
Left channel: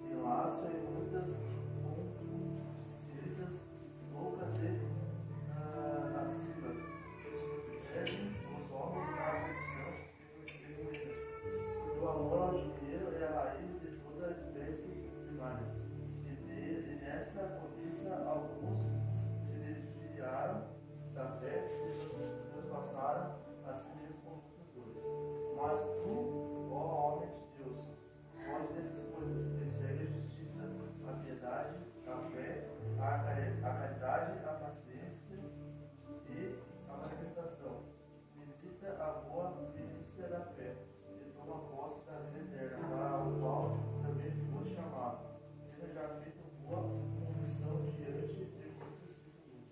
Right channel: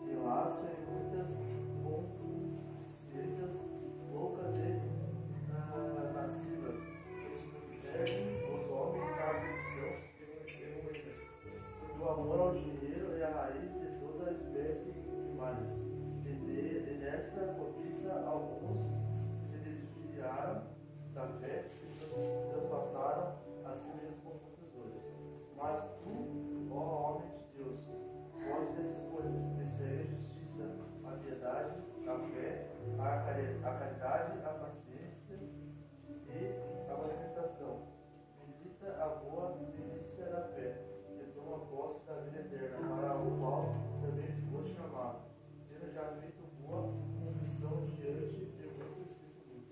em laço e muitas concupiscências loucas e nascidas, perdem os homens da aflição e o amor ao dinheiro é a raiz de toda espécie de males. E nessa cobiça alguns se desviaram da fé e se transpassaram assim mesmo com muitas dores. Mas tu, ó homem de Deus, foge dessas coisas, persegue a justiça, a piedade, a fé, a caridade, a paciência e a manifestação. Medita a boa milícia da fé e toma posse da vida eterna, para o qual também foste chamado, tendo já feito boa confissão diante de muitos testemunhos.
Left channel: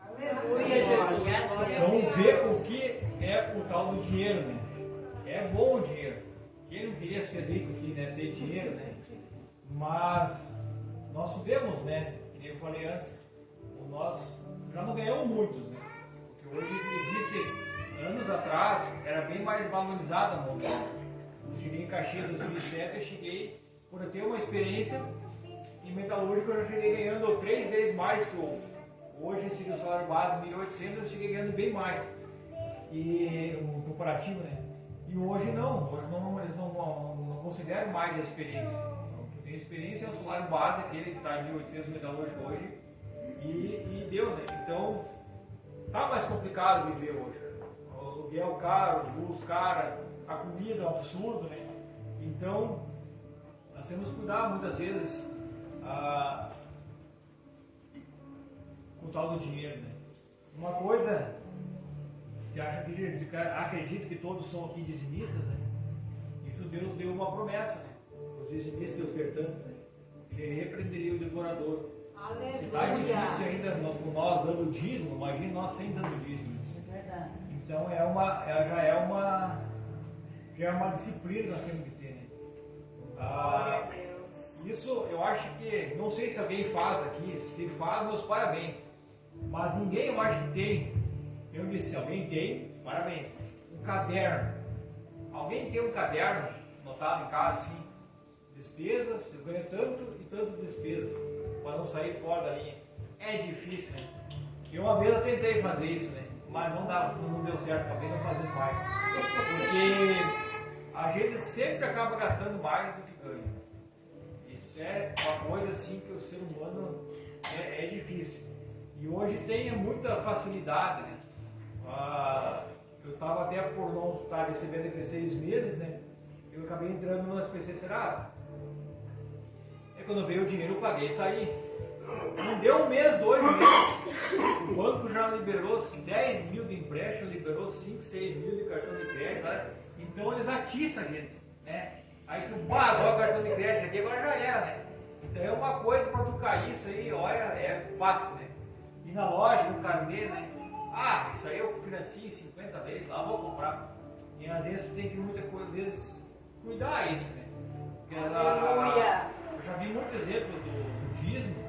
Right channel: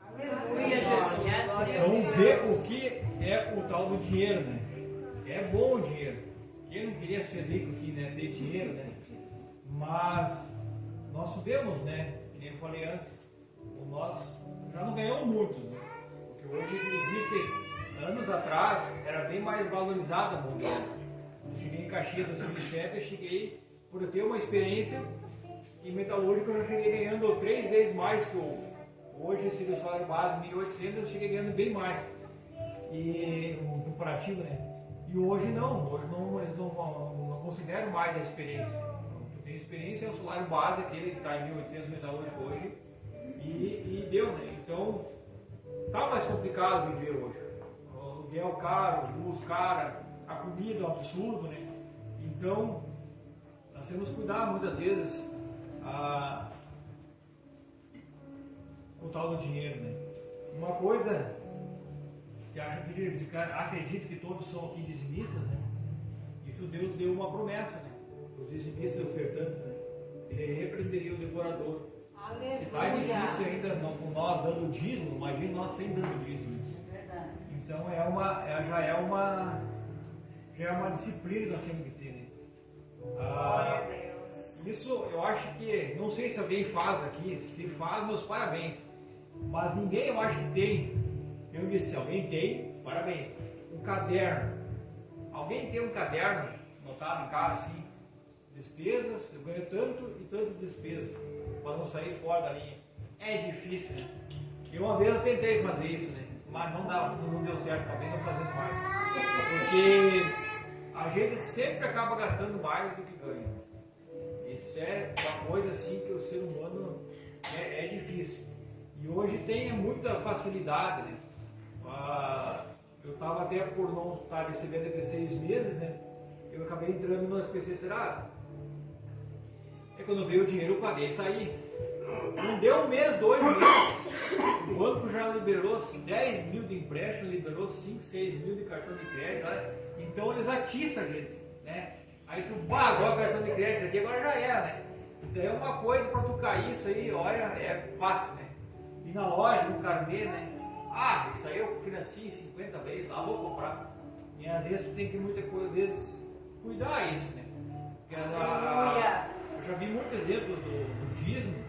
Aleluia, Jesus. Então vê o que é o tal do dinheiro, né? É bom o dinheiro. Quem não queria ser rico aqui, né? Ter dinheiro, né? Mas nós sabemos, né? Que nem eu falei antes, nós já não ganhamos muitos, né? Porque hoje existe, anos atrás, era bem mais valorizado a moeda. Eu cheguei em Caxias em 2007, eu cheguei, por eu ter uma experiência em metalúrgica, eu já cheguei ganhando 3 vezes mais que hoje, se o salário base 1.800, eu cheguei ganhando bem mais. E um comparativo, né? E hoje não, eles não consideram mais a experiência. Eu tenho experiência, é o salário base, aquele que está em 1.800 metalúrgico hoje, e deu, né? Então, tá mais complicado viver hoje. O aluguel caro, luz cara, a comida é um absurdo, né? Então, nós temos que cuidar muitas vezes o tal do dinheiro, né? Uma coisa que acredito que todos são aqui dizimistas, né? Isso Deus deu uma promessa, né? Os dizimistas e ofertantes, né? Ele repreenderia o devorador. Se está difícil ainda com nós dando dízimo, imagine nós sem dando dízimo. Então já é uma disciplina que nós temos que ter, né? Isso eu acho que, não sei se alguém faz aqui, se faz, meus parabéns. Mas ninguém eu acho que tem. Eu disse, se alguém tem, parabéns. Um caderno. Alguém tem um caderno anotado em casa assim? Despesas, eu ganho tanto e tanto de despesas, para não sair fora da linha. É difícil, né? Eu uma vez eu tentei fazer isso, né? Mas não deu certo, acabei não fazendo mais. Porque a gente sempre acaba gastando mais do que ganha. Isso é uma coisa assim que o ser humano é difícil. E hoje tem muita facilidade, né? Eu estava até por não estar recebendo até 6 meses, né? Eu acabei entrando no SPC Serasa. E quando veio o dinheiro eu paguei e saí. Não deu um mês, 2 meses. O banco já liberou 10 mil de empréstimo, liberou 5, 6 mil de cartão de crédito. Né? Então eles atiçam a gente, né? Aí tu, agora o cartão de crédito aqui, agora já era, né? Então é uma coisa para tu cair, isso aí, olha, é fácil, né? E na loja, no carnê, né? Isso aí eu financio 50 vezes, lá vou comprar. E às vezes tu tem que muitas vezes cuidar isso, né? Eu já vi muito exemplo do dízimo,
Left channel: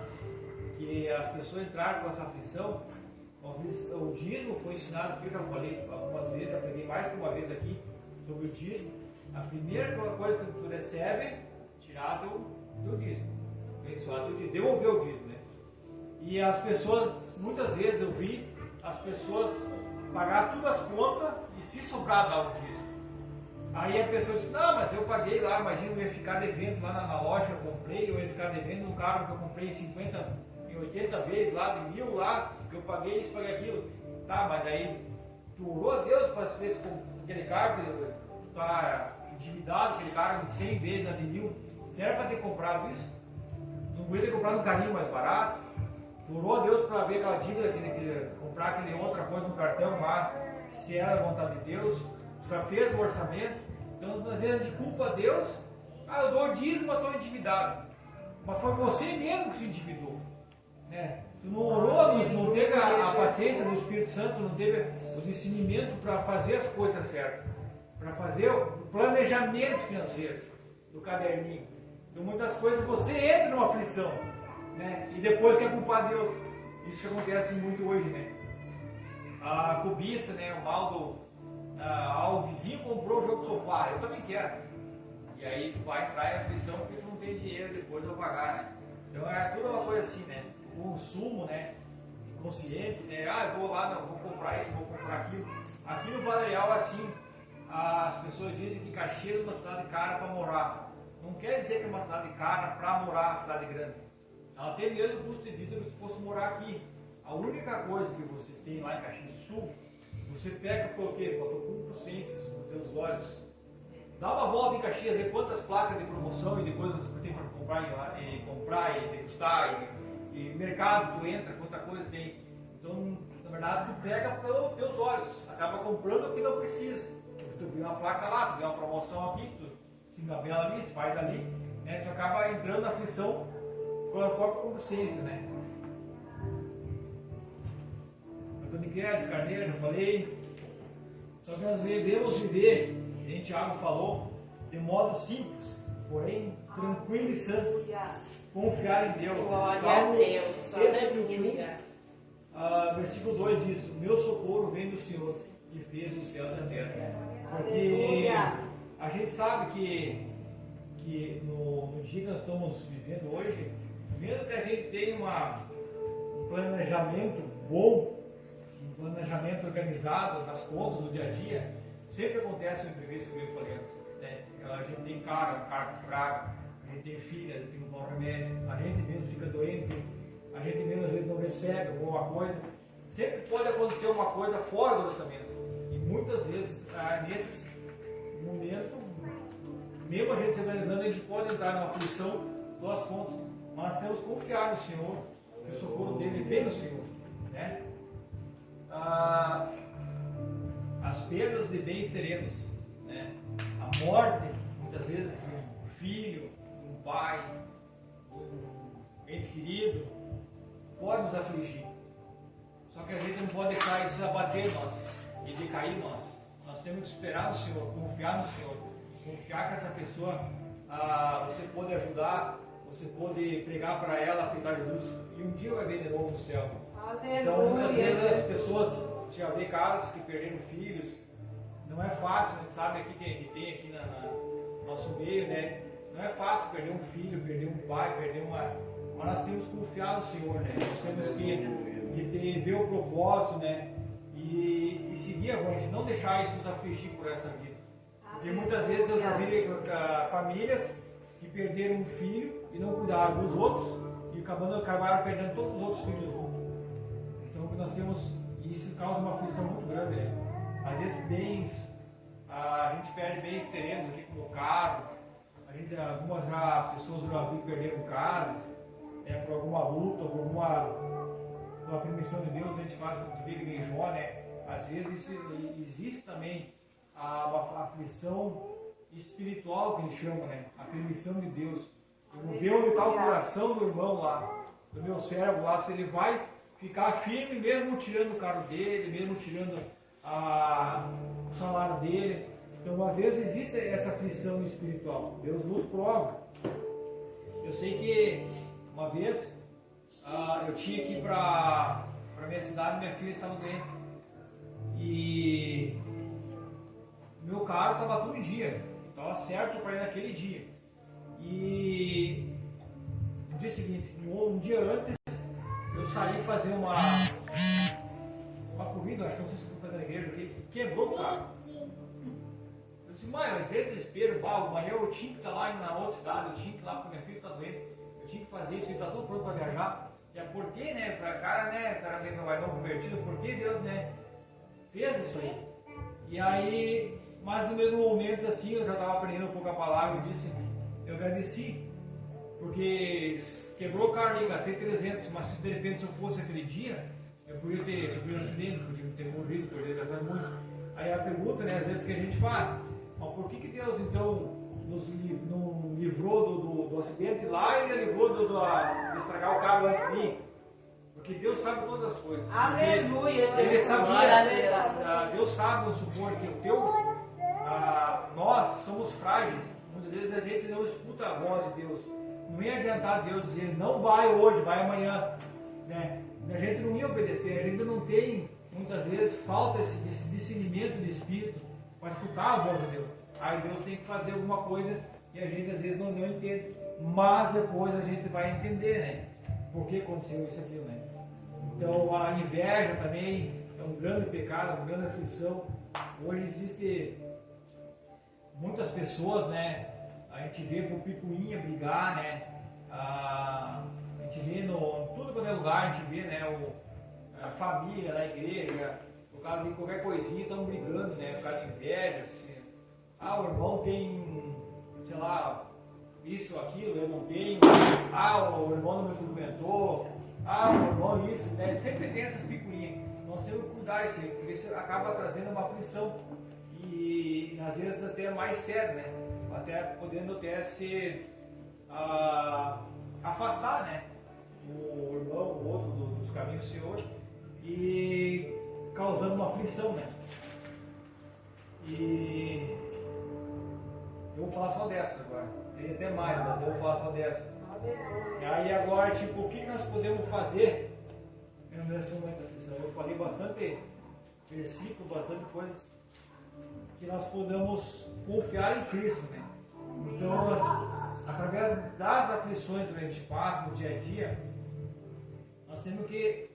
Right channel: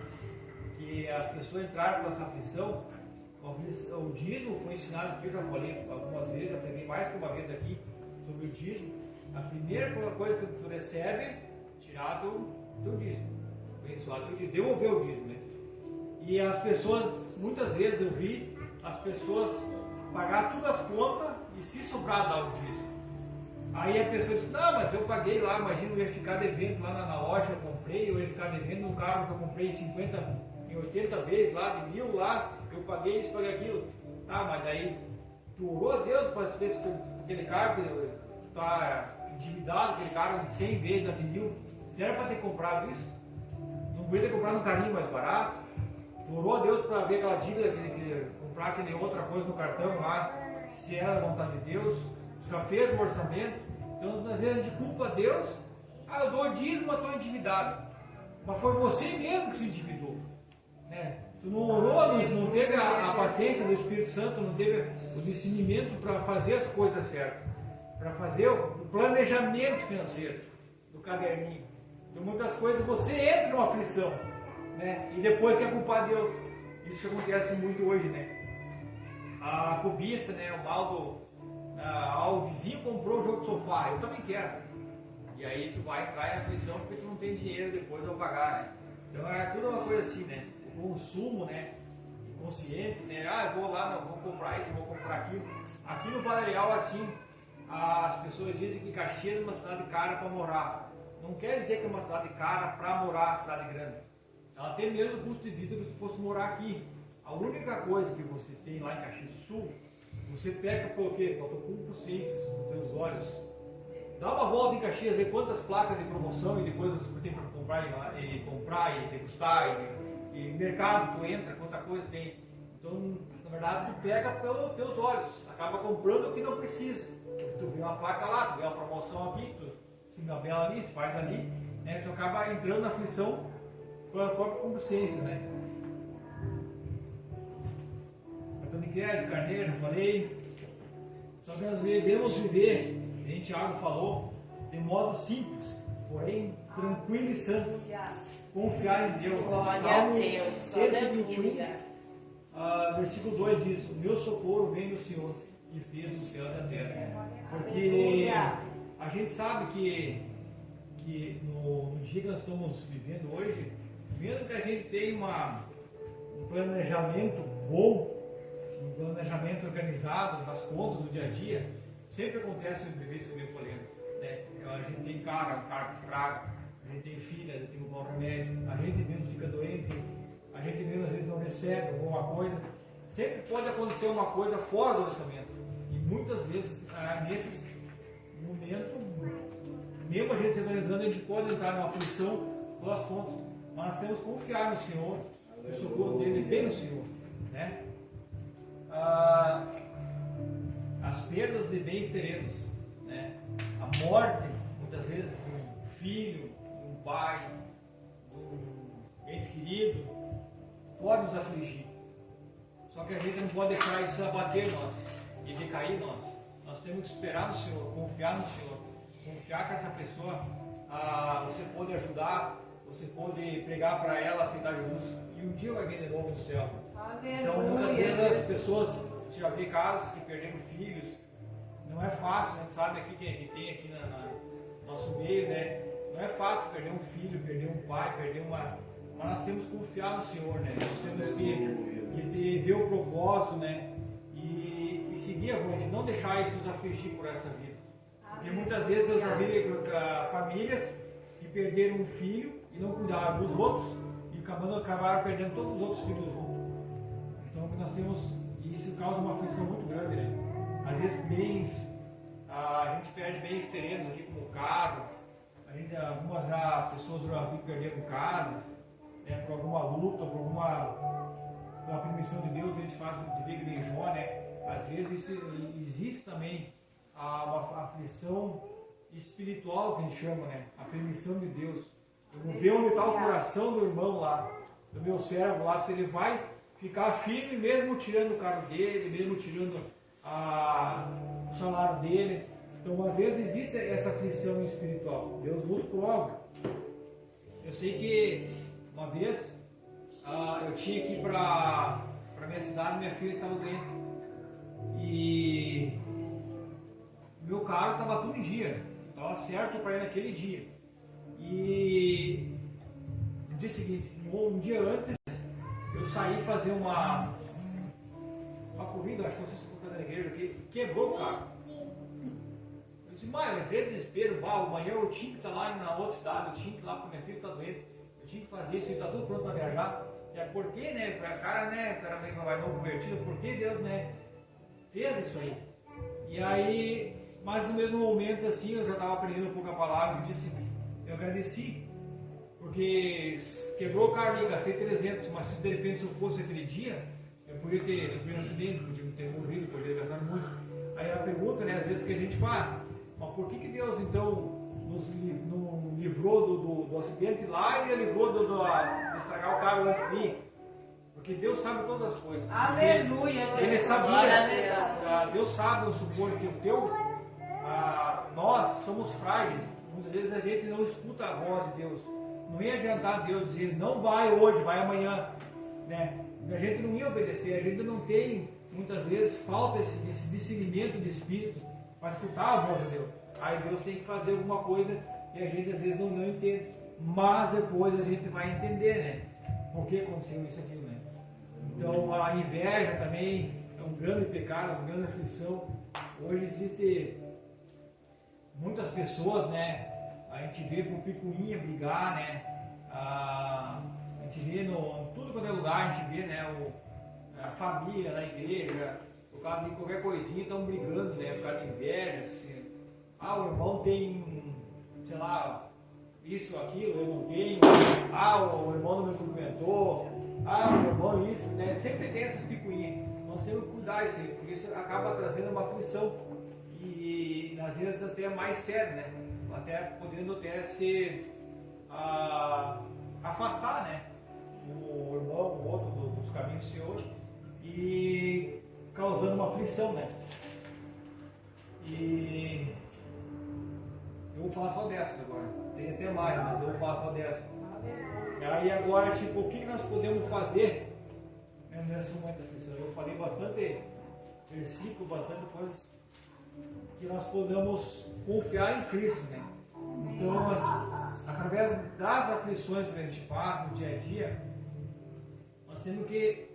que as pessoas entraram com essa aflição. O dízimo foi ensinado aqui, eu já falei algumas vezes, já peguei mais que uma vez aqui sobre o dízimo. A primeira coisa que tu recebe, tirar do dízimo. Devolver o dízimo, né? E as pessoas, muitas vezes eu vi as pessoas pagar todas as contas e se sobrar dar o dízimo. Aí a pessoa diz, não, mas eu paguei lá, imagina, eu ia ficar devendo lá na loja, eu comprei, eu ia ficar devendo no carro que eu comprei 80 vezes lá, de 1000 lá, eu paguei isso, paguei aquilo. Tá, mas daí, tu orou a Deus para ver se aquele carro está endividado, aquele carro de 100 vezes lá de 1000, será para ter comprado isso? Não podia ter comprado um carrinho mais barato? Tu orou a Deus para ver aquela dívida, comprar aquele outra coisa no cartão lá, se era a vontade de Deus? Já fez o orçamento? Então, às vezes a gente culpa a Deus, eu dou dízimo, eu estou endividado. Mas foi você mesmo que se endividou. Né? Tu não orou, não teve a paciência do Espírito Santo, não teve o discernimento para fazer as coisas certas, para fazer o planejamento financeiro do caderninho. Então, muitas coisas você entra numa aflição, né? E depois quer culpar Deus. Isso que acontece muito hoje, né? A cobiça, né? O mal do. O vizinho comprou o jogo de sofá, eu também quero. E aí tu vai entrar em aflição porque tu não tem dinheiro depois a pagar, né? Então é tudo uma coisa assim, né? O consumo, né? Inconsciente, né? Eu vou lá, vou comprar isso, vou comprar aquilo. Aqui no Valerial, assim, as pessoas dizem que Caxias é uma cidade cara para morar. Não quer dizer que é uma cidade cara para morar na cidade grande. Ela tem mesmo custo de vida que se fosse morar aqui. A única coisa que você tem lá em Caxias do Sul, você pega com o quê? Com a tua consciência, com os teus olhos. Dá uma volta em Caxias, vê quantas placas de promoção e de coisas que tem para comprar e degustar, e mercado tu entra, quanta coisa tem. Então, na verdade, tu pega pelos teus olhos, acaba comprando o que não precisa. Tu vê uma placa lá, tu vê uma promoção aqui, tu se engabela ali, se faz ali, né? Tu acaba entrando na aflição com a própria consciência, né? Antônio Guedes, Carneiro, já falei. Só que nós devemos viver, a Tiago falou, de modo simples, porém tranquilo e santo. Confiar em Deus. Salmo 121, versículo 2 diz: o meu socorro vem do Senhor, que fez os céus e a terra. Porque a gente sabe que no dia que nós estamos vivendo hoje, mesmo que a gente tenha um planejamento bom, um planejamento organizado das contas do dia a dia, sempre acontece o imprevisto que eu falei antes, né? A gente tem carro estraga, a gente tem filho, a gente tem um bom remédio, a gente mesmo fica doente, a gente mesmo às vezes não recebe alguma coisa. Sempre pode acontecer uma coisa fora do orçamento. E muitas vezes, nesses momentos, mesmo a gente se organizando, a gente pode entrar numa aflição pelas contas. Mas temos que confiar no Senhor, que o socorro dele vem no Senhor. as perdas de bens terrenos, né? A morte, muitas vezes, de um filho, de um pai, de um ente querido, pode nos afligir. Só que a gente não pode deixar isso abater nós e decair nós. Nós temos que esperar no Senhor, confiar no Senhor, confiar que essa pessoa você pode ajudar, você pode pregar para ela, aceitar Jesus, e um dia vai ver de novo no céu. Então, muitas vezes as pessoas, já vê casos que perderam filhos, não é fácil, a gente sabe aqui que tem aqui no nosso meio, né? Não é fácil perder um filho, perder um pai, perder uma. Mas nós temos que confiar no Senhor, né? Nós temos que ver o propósito, né? E seguir a vontade, não deixar isso nos afligir por essa vida. Porque muitas vezes eu já vi famílias que perderam um filho e não cuidaram dos outros e acabaram perdendo todos os outros filhos juntos. Então nós temos, isso causa uma aflição muito grande, né? Às vezes bens, a gente perde bens terrenos aqui como carro, algumas pessoas já viram perdendo casas, por alguma luta, pela permissão de Deus, a gente faz de vida em Jó, né? Às vezes existe também uma aflição espiritual que a gente chama, né? A permissão de Deus. Eu vou ver onde está o coração do irmão lá, do meu servo lá, se ele vai ficar firme mesmo tirando o carro dele, mesmo tirando o salário dele. Então, às vezes existe essa aflição espiritual. Deus nos prova. Eu sei que uma vez eu tinha que ir para minha cidade, minha filha estava doente. E meu carro estava tudo em dia, estava certo para ir naquele dia. E no dia seguinte, um dia antes, eu saí fazer uma corrida, acho que não sei se vou fazer na igreja aqui, quebrou o carro. Eu disse, mãe, eu entrei em desespero, amanhã eu tinha que estar lá na outra cidade, eu tinha que ir lá porque minha filha está doente, eu tinha que fazer isso, e está tudo pronto para viajar. Porque, né, o cara meio vai não convertido, porque Deus, né, fez isso aí. E aí, mas no mesmo momento, assim, eu já estava aprendendo um pouco a palavra e disse, eu agradeci, porque quebrou o carro ali, gastei 300, mas se de repente eu fosse aquele dia, eu podia ter sofrido um acidente, podia ter morrido, podia ter gastado muito. Aí a pergunta, né, às vezes que a gente faz, mas por que Deus então nos livrou do acidente lá e livrou de estragar o carro antes de ir? Porque Deus sabe todas as coisas. Aleluia. Ele sabia. Deus sabe, vamos supor, que nós somos frágeis. Muitas vezes a gente não escuta a voz de Deus. Não ia adiantar Deus dizer, não vai hoje, vai amanhã. Né? A gente não ia obedecer. A gente não tem, muitas vezes, falta esse discernimento de espírito para escutar a voz de Deus. Aí Deus tem que fazer alguma coisa e a gente às vezes não entende. Mas depois a gente vai entender, né? Por que aconteceu isso aqui, né? Então a inveja também é um grande pecado, uma grande aflição. Hoje existe muitas pessoas, né? A gente vê com picuinha brigar, né? A gente vê em tudo quanto é lugar, a gente vê, né? A família, na igreja, por causa de qualquer coisinha, estão brigando, né? Por causa de inveja, assim. O irmão tem, sei lá, isso, aquilo, eu não tenho. O irmão não me cumprimentou. O irmão isso, né? Sempre tem essas picuinhas. Nós temos que cuidar isso aí, porque isso acaba trazendo uma aflição. E às vezes até é mais sério, né? Até podendo até se afastar, né? O irmão, o outro dos caminhos do Senhor, e causando uma aflição, né? E eu vou falar só dessa agora. Tem até mais, mas eu vou falar só dessa. E aí agora, tipo, o que nós podemos fazer nessa momento da aflição? Eu falei bastante versículo, bastante coisas que nós podemos confiar em Cristo, né? Então, através das aflições que a gente passa no dia a dia, nós temos que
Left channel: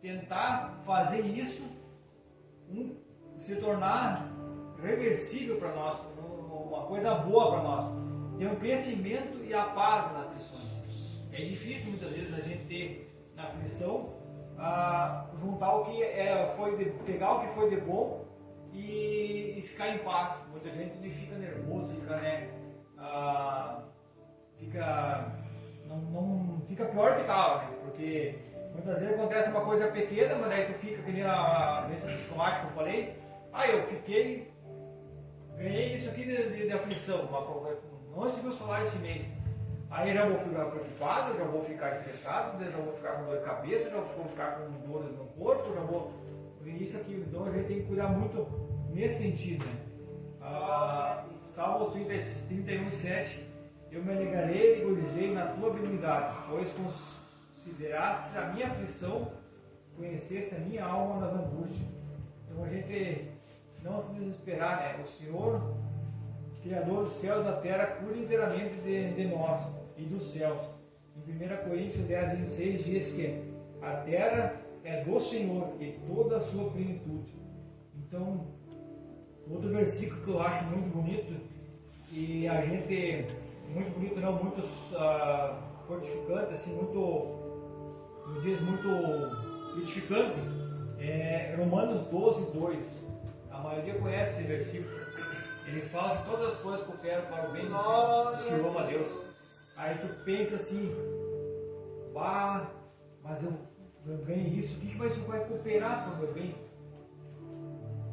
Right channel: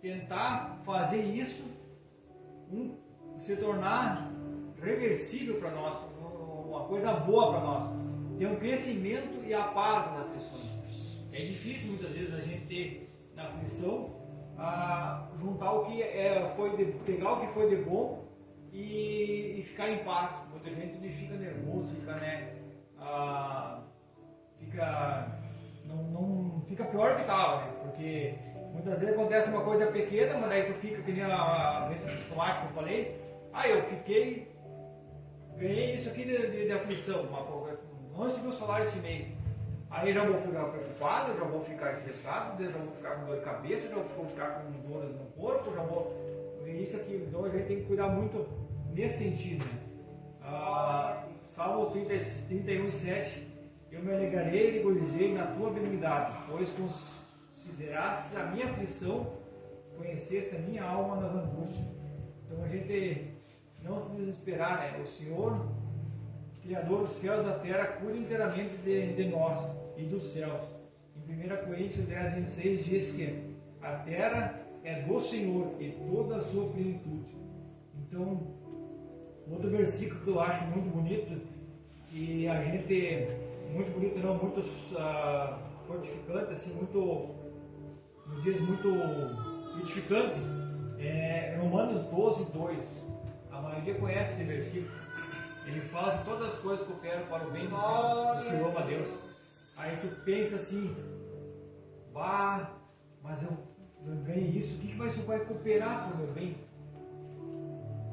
tentar fazer isso se tornar reversível para nós, uma coisa boa para nós, ter um crescimento e a paz nas aflições. É difícil muitas vezes a gente ter na aflição juntar o que pegar o que foi de bom e ficar em paz. Muita gente fica nervoso, fica pior que tal, né? Porque Muitas vezes acontece uma coisa pequena, mas daí tu fica, que nem a doença psicomática que eu falei, eu fiquei, ganhei isso aqui de aflição, não recebi o salário esse mês. Aí eu já vou ficar preocupado, eu já vou ficar estressado, eu já vou ficar com dor de cabeça, já vou ficar com dores no corpo, já vou. Isso aqui, então a gente tem que cuidar muito nesse sentido. Né? Salmo 31:7, eu me alegrarei e regozijei na tua benignidade, pois consideraste a minha aflição, conheceste a minha alma nas angústias. Então a gente não se desesperar, né? O Senhor, Criador dos céus e da terra, cuida inteiramente de nós e dos céus. Em 1 Coríntios 10:26 diz que a terra é do Senhor e toda a sua plenitude. Então, outro versículo que eu acho muito bonito, e a gente, muito bonito não, muito fortificante, assim, me diz muito edificante, é Romanos 12:2. A maioria conhece esse versículo. Ele fala que todas as coisas cooperam para o bem dos que louvam a Deus. Aí tu pensa assim, mas eu ganhei isso, o que vai cooperar para o meu bem?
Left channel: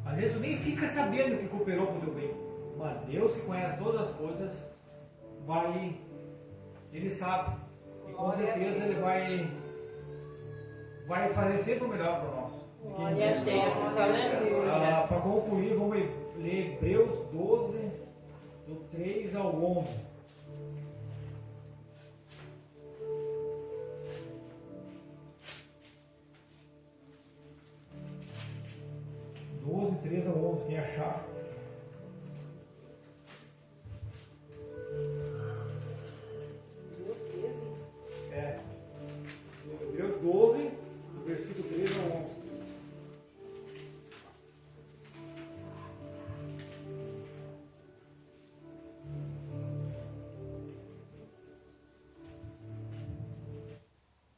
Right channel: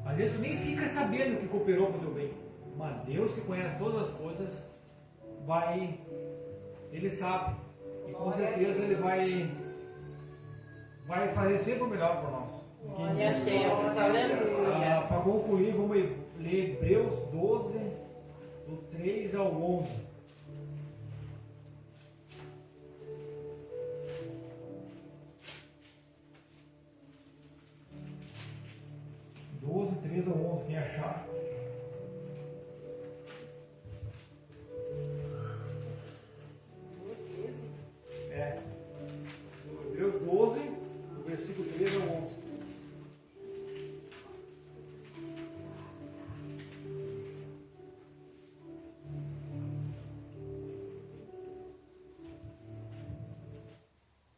Às vezes tu nem fica sabendo que cooperou para o teu bem. Mas Deus, que conhece todas as coisas, Ele sabe. E com certeza Ele vai fazer sempre o melhor para nós. Para concluir, vamos ler Hebreus 12, do 3 ao 11. Do 3 ao 11, quem achar. Hebreus 12, do versículo 3 ao 11.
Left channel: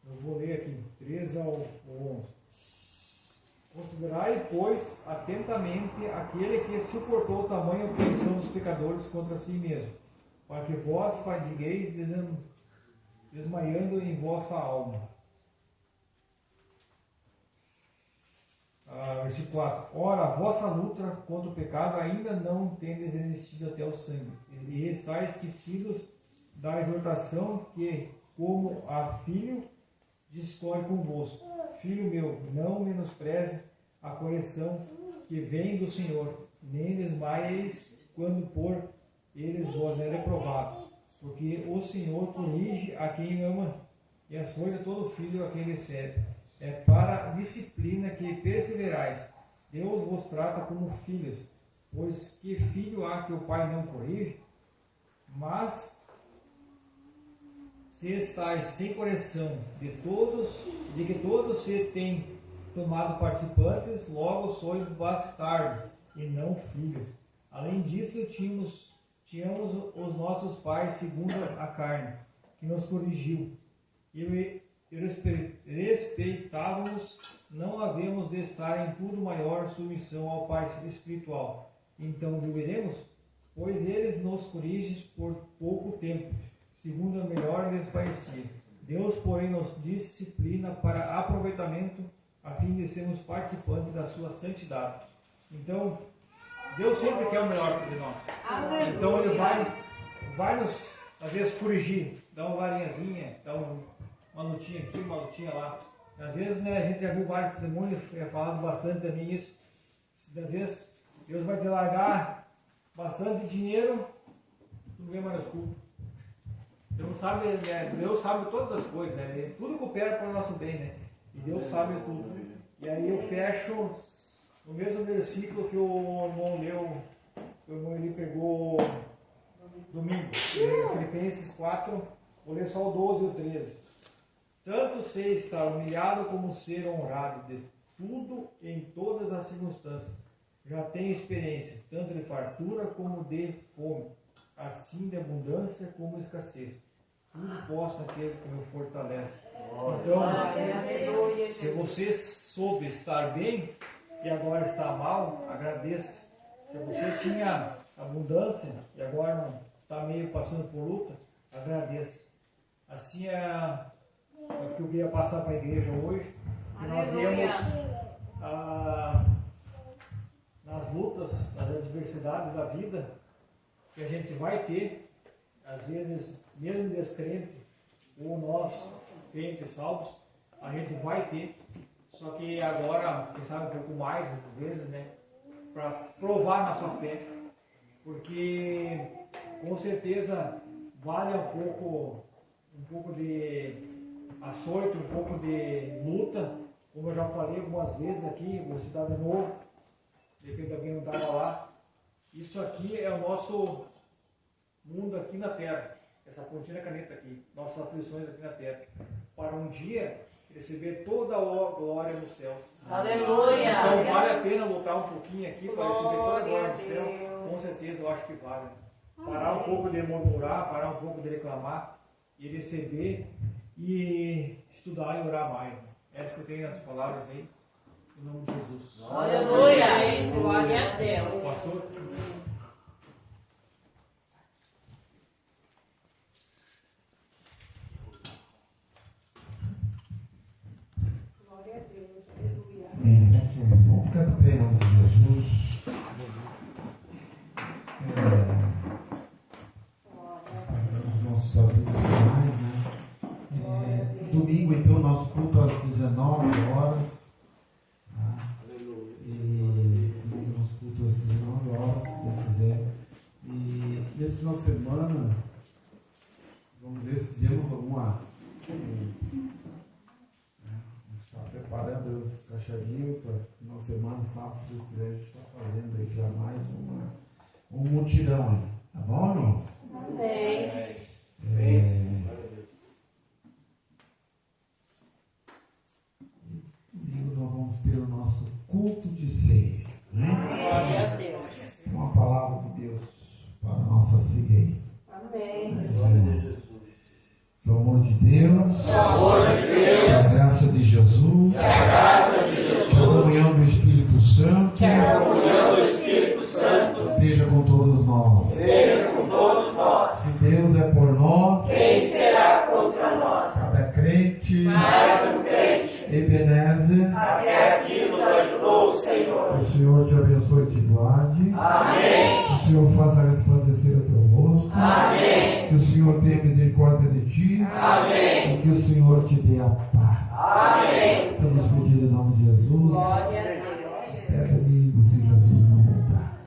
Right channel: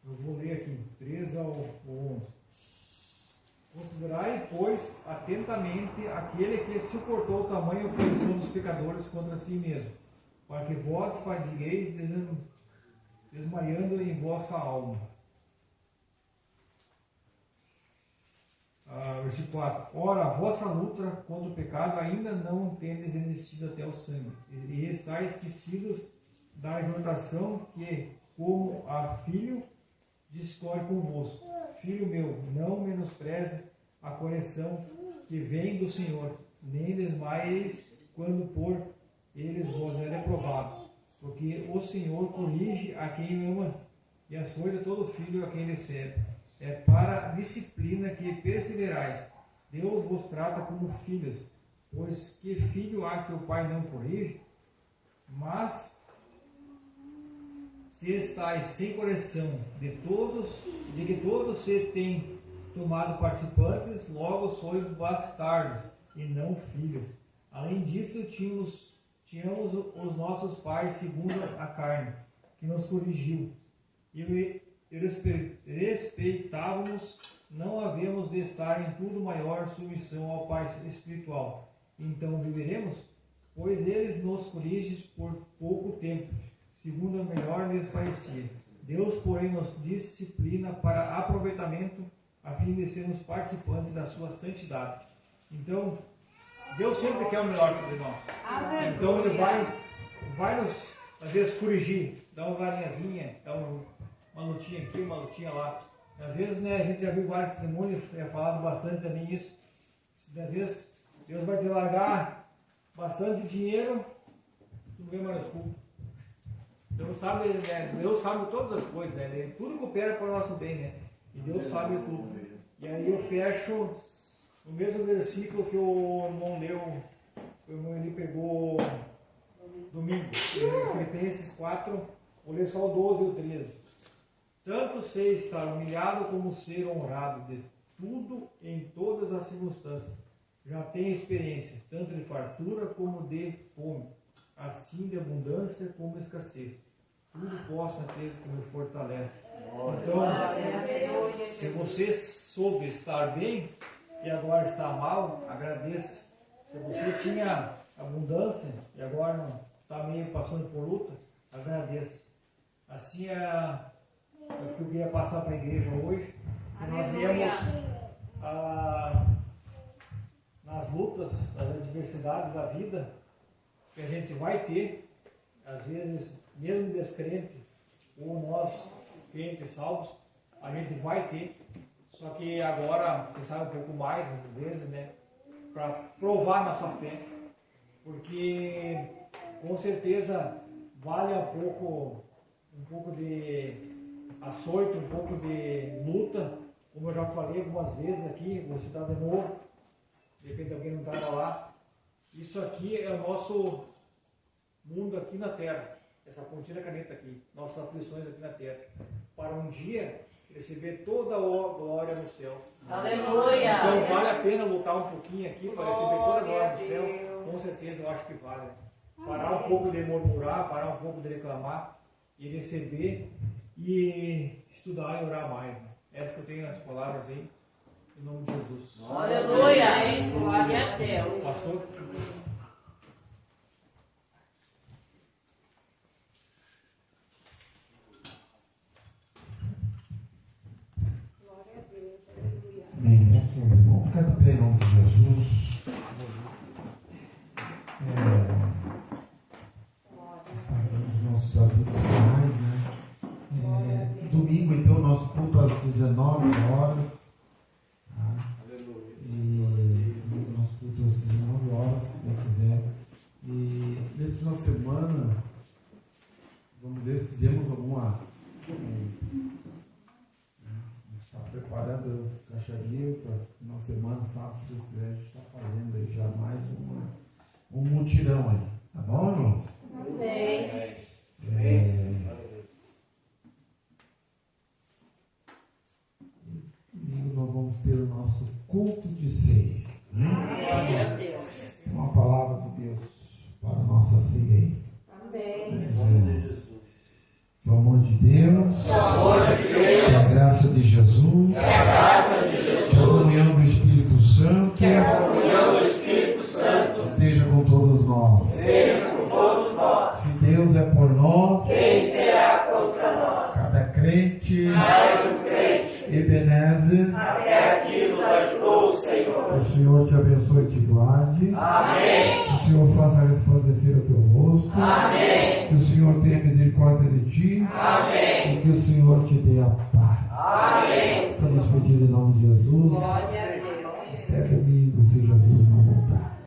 Eu vou ler aqui, 3 ao 11. Considerai, pois, atentamente aquele que suportou tamanha oposição dos pecadores contra si mesmo, para que vós fadigueis desmaiando em vossa alma. Versículo 4. Ora, a vossa luta contra o pecado ainda não tendes resistido até o sangue, e estáis esquecidos da exortação que, como a filho, discorre convosco. Filho meu, não menospreze a correção que vem do Senhor, nem desmaieis quando por eles vos é reprovado, porque o Senhor corrige a quem ama e açoita todo filho a quem recebe. É para a disciplina que perseverais. Deus vos trata como filhos, pois que filho há que o pai não corrige? Mas se estáis sem correção de que todos se têm tomado participantes, logo sois bastardos e não filhos. Além disso, tínhamos os nossos pais segundo a carne, que nos corrigiu, e respeitávamos, não havemos de estar em tudo maior submissão ao Pai espiritual. Então deveremos, pois eles nos corrigem por pouco tempo, segundo a melhor lhes parecia. Deus, porém, nos disciplina para aproveitamento, a fim de sermos participantes da sua santidade. Então, Deus sempre quer o melhor para nós. Então Ele vai nos, às vezes, corrigir, dar uma varinhazinha, dar uma lutinha aqui, uma lutinha lá. Às vezes, né, a gente já viu vários testemunhos, falado bastante também isso. Às vezes, Deus vai te largar bastante dinheiro, tu não vê mais culpa. Deus sabe, né, Deus sabe todas as coisas, né? Tudo coopera para o nosso bem, né? E Deus sabe tudo. E aí eu fecho no mesmo versículo que o irmão leu, o irmão ele pegou domingo. Filipenses 4, vou ler só o 12 e o 13. Tanto ser estar humilhado como ser honrado, de tudo em todas as circunstâncias. Já tenho experiência, tanto de fartura como de fome, assim de abundância como de escassez. Tudo posso naquele que me fortalece. Então, se você soube estar bem e agora está mal, agradeça. Se você tinha abundância e agora não está meio passando por luta, agradeça. Assim é É o que eu queria passar para a igreja hoje. Que nós Aleluia. vemos nas lutas, nas adversidades da vida, que a gente vai ter, às vezes, mesmo descrente, ou nós, crentes salvos, a gente vai ter. Só que agora, quem sabe um pouco mais, às vezes, né? Para provar na sua fé. Porque, com certeza, vale um pouco de açoite, um pouco de luta. Como eu já falei algumas vezes aqui, vou citar de novo, de repente alguém não estava lá. Isso aqui é o nosso mundo aqui na Terra. Essa pontinha da caneta aqui, nossas aflições aqui na Terra. Para um dia receber toda a glória nos céus. Aleluia. Então vale a pena lutar um pouquinho aqui para receber toda a glória no céu. Com certeza eu acho que vale. Parar um pouco de murmurar, parar um pouco de reclamar e receber e estudar e orar mais. Essas que eu tenho as palavras aí, em nome de Jesus. Aleluia. Glória a Deus. Pastor. Amém. Vamos ficar de pé em nome de Jesus. Consagramos nossos avisos finais, né? Domingo, então, nosso culto às 19 horas. Tá? E domingo, nosso culto às 19 horas, se Deus quiser. E nesse final de semana, vamos ver se fizemos alguma. Está preparando os cachorrinhos para final de semana, sábado, se Deus quiser, a gente está fazendo aí já mais um mutirão aí. Tá bom, irmãos? Amém. Domingo nós vamos ter o nosso culto de ceia. Né? Glória a Deus. Uma palavra de Deus para a nossa ceia aí. Amém. Que o amor de Deus, que a graça de Jesus, que a comunhão do Espírito Santo, esteja com todos nós. Se Deus é por nós, Quem será contra nós? cada crente, Mais um crente. Ebenezer, Até aqui nos ajudou o Senhor. que o Senhor te abençoe e te guarde. Amém. Que o Senhor faça resplandecer o teu rosto. Amém. Que o Senhor tenha misericórdia de ti. Amém. E que o Senhor te dê a paz. Amém.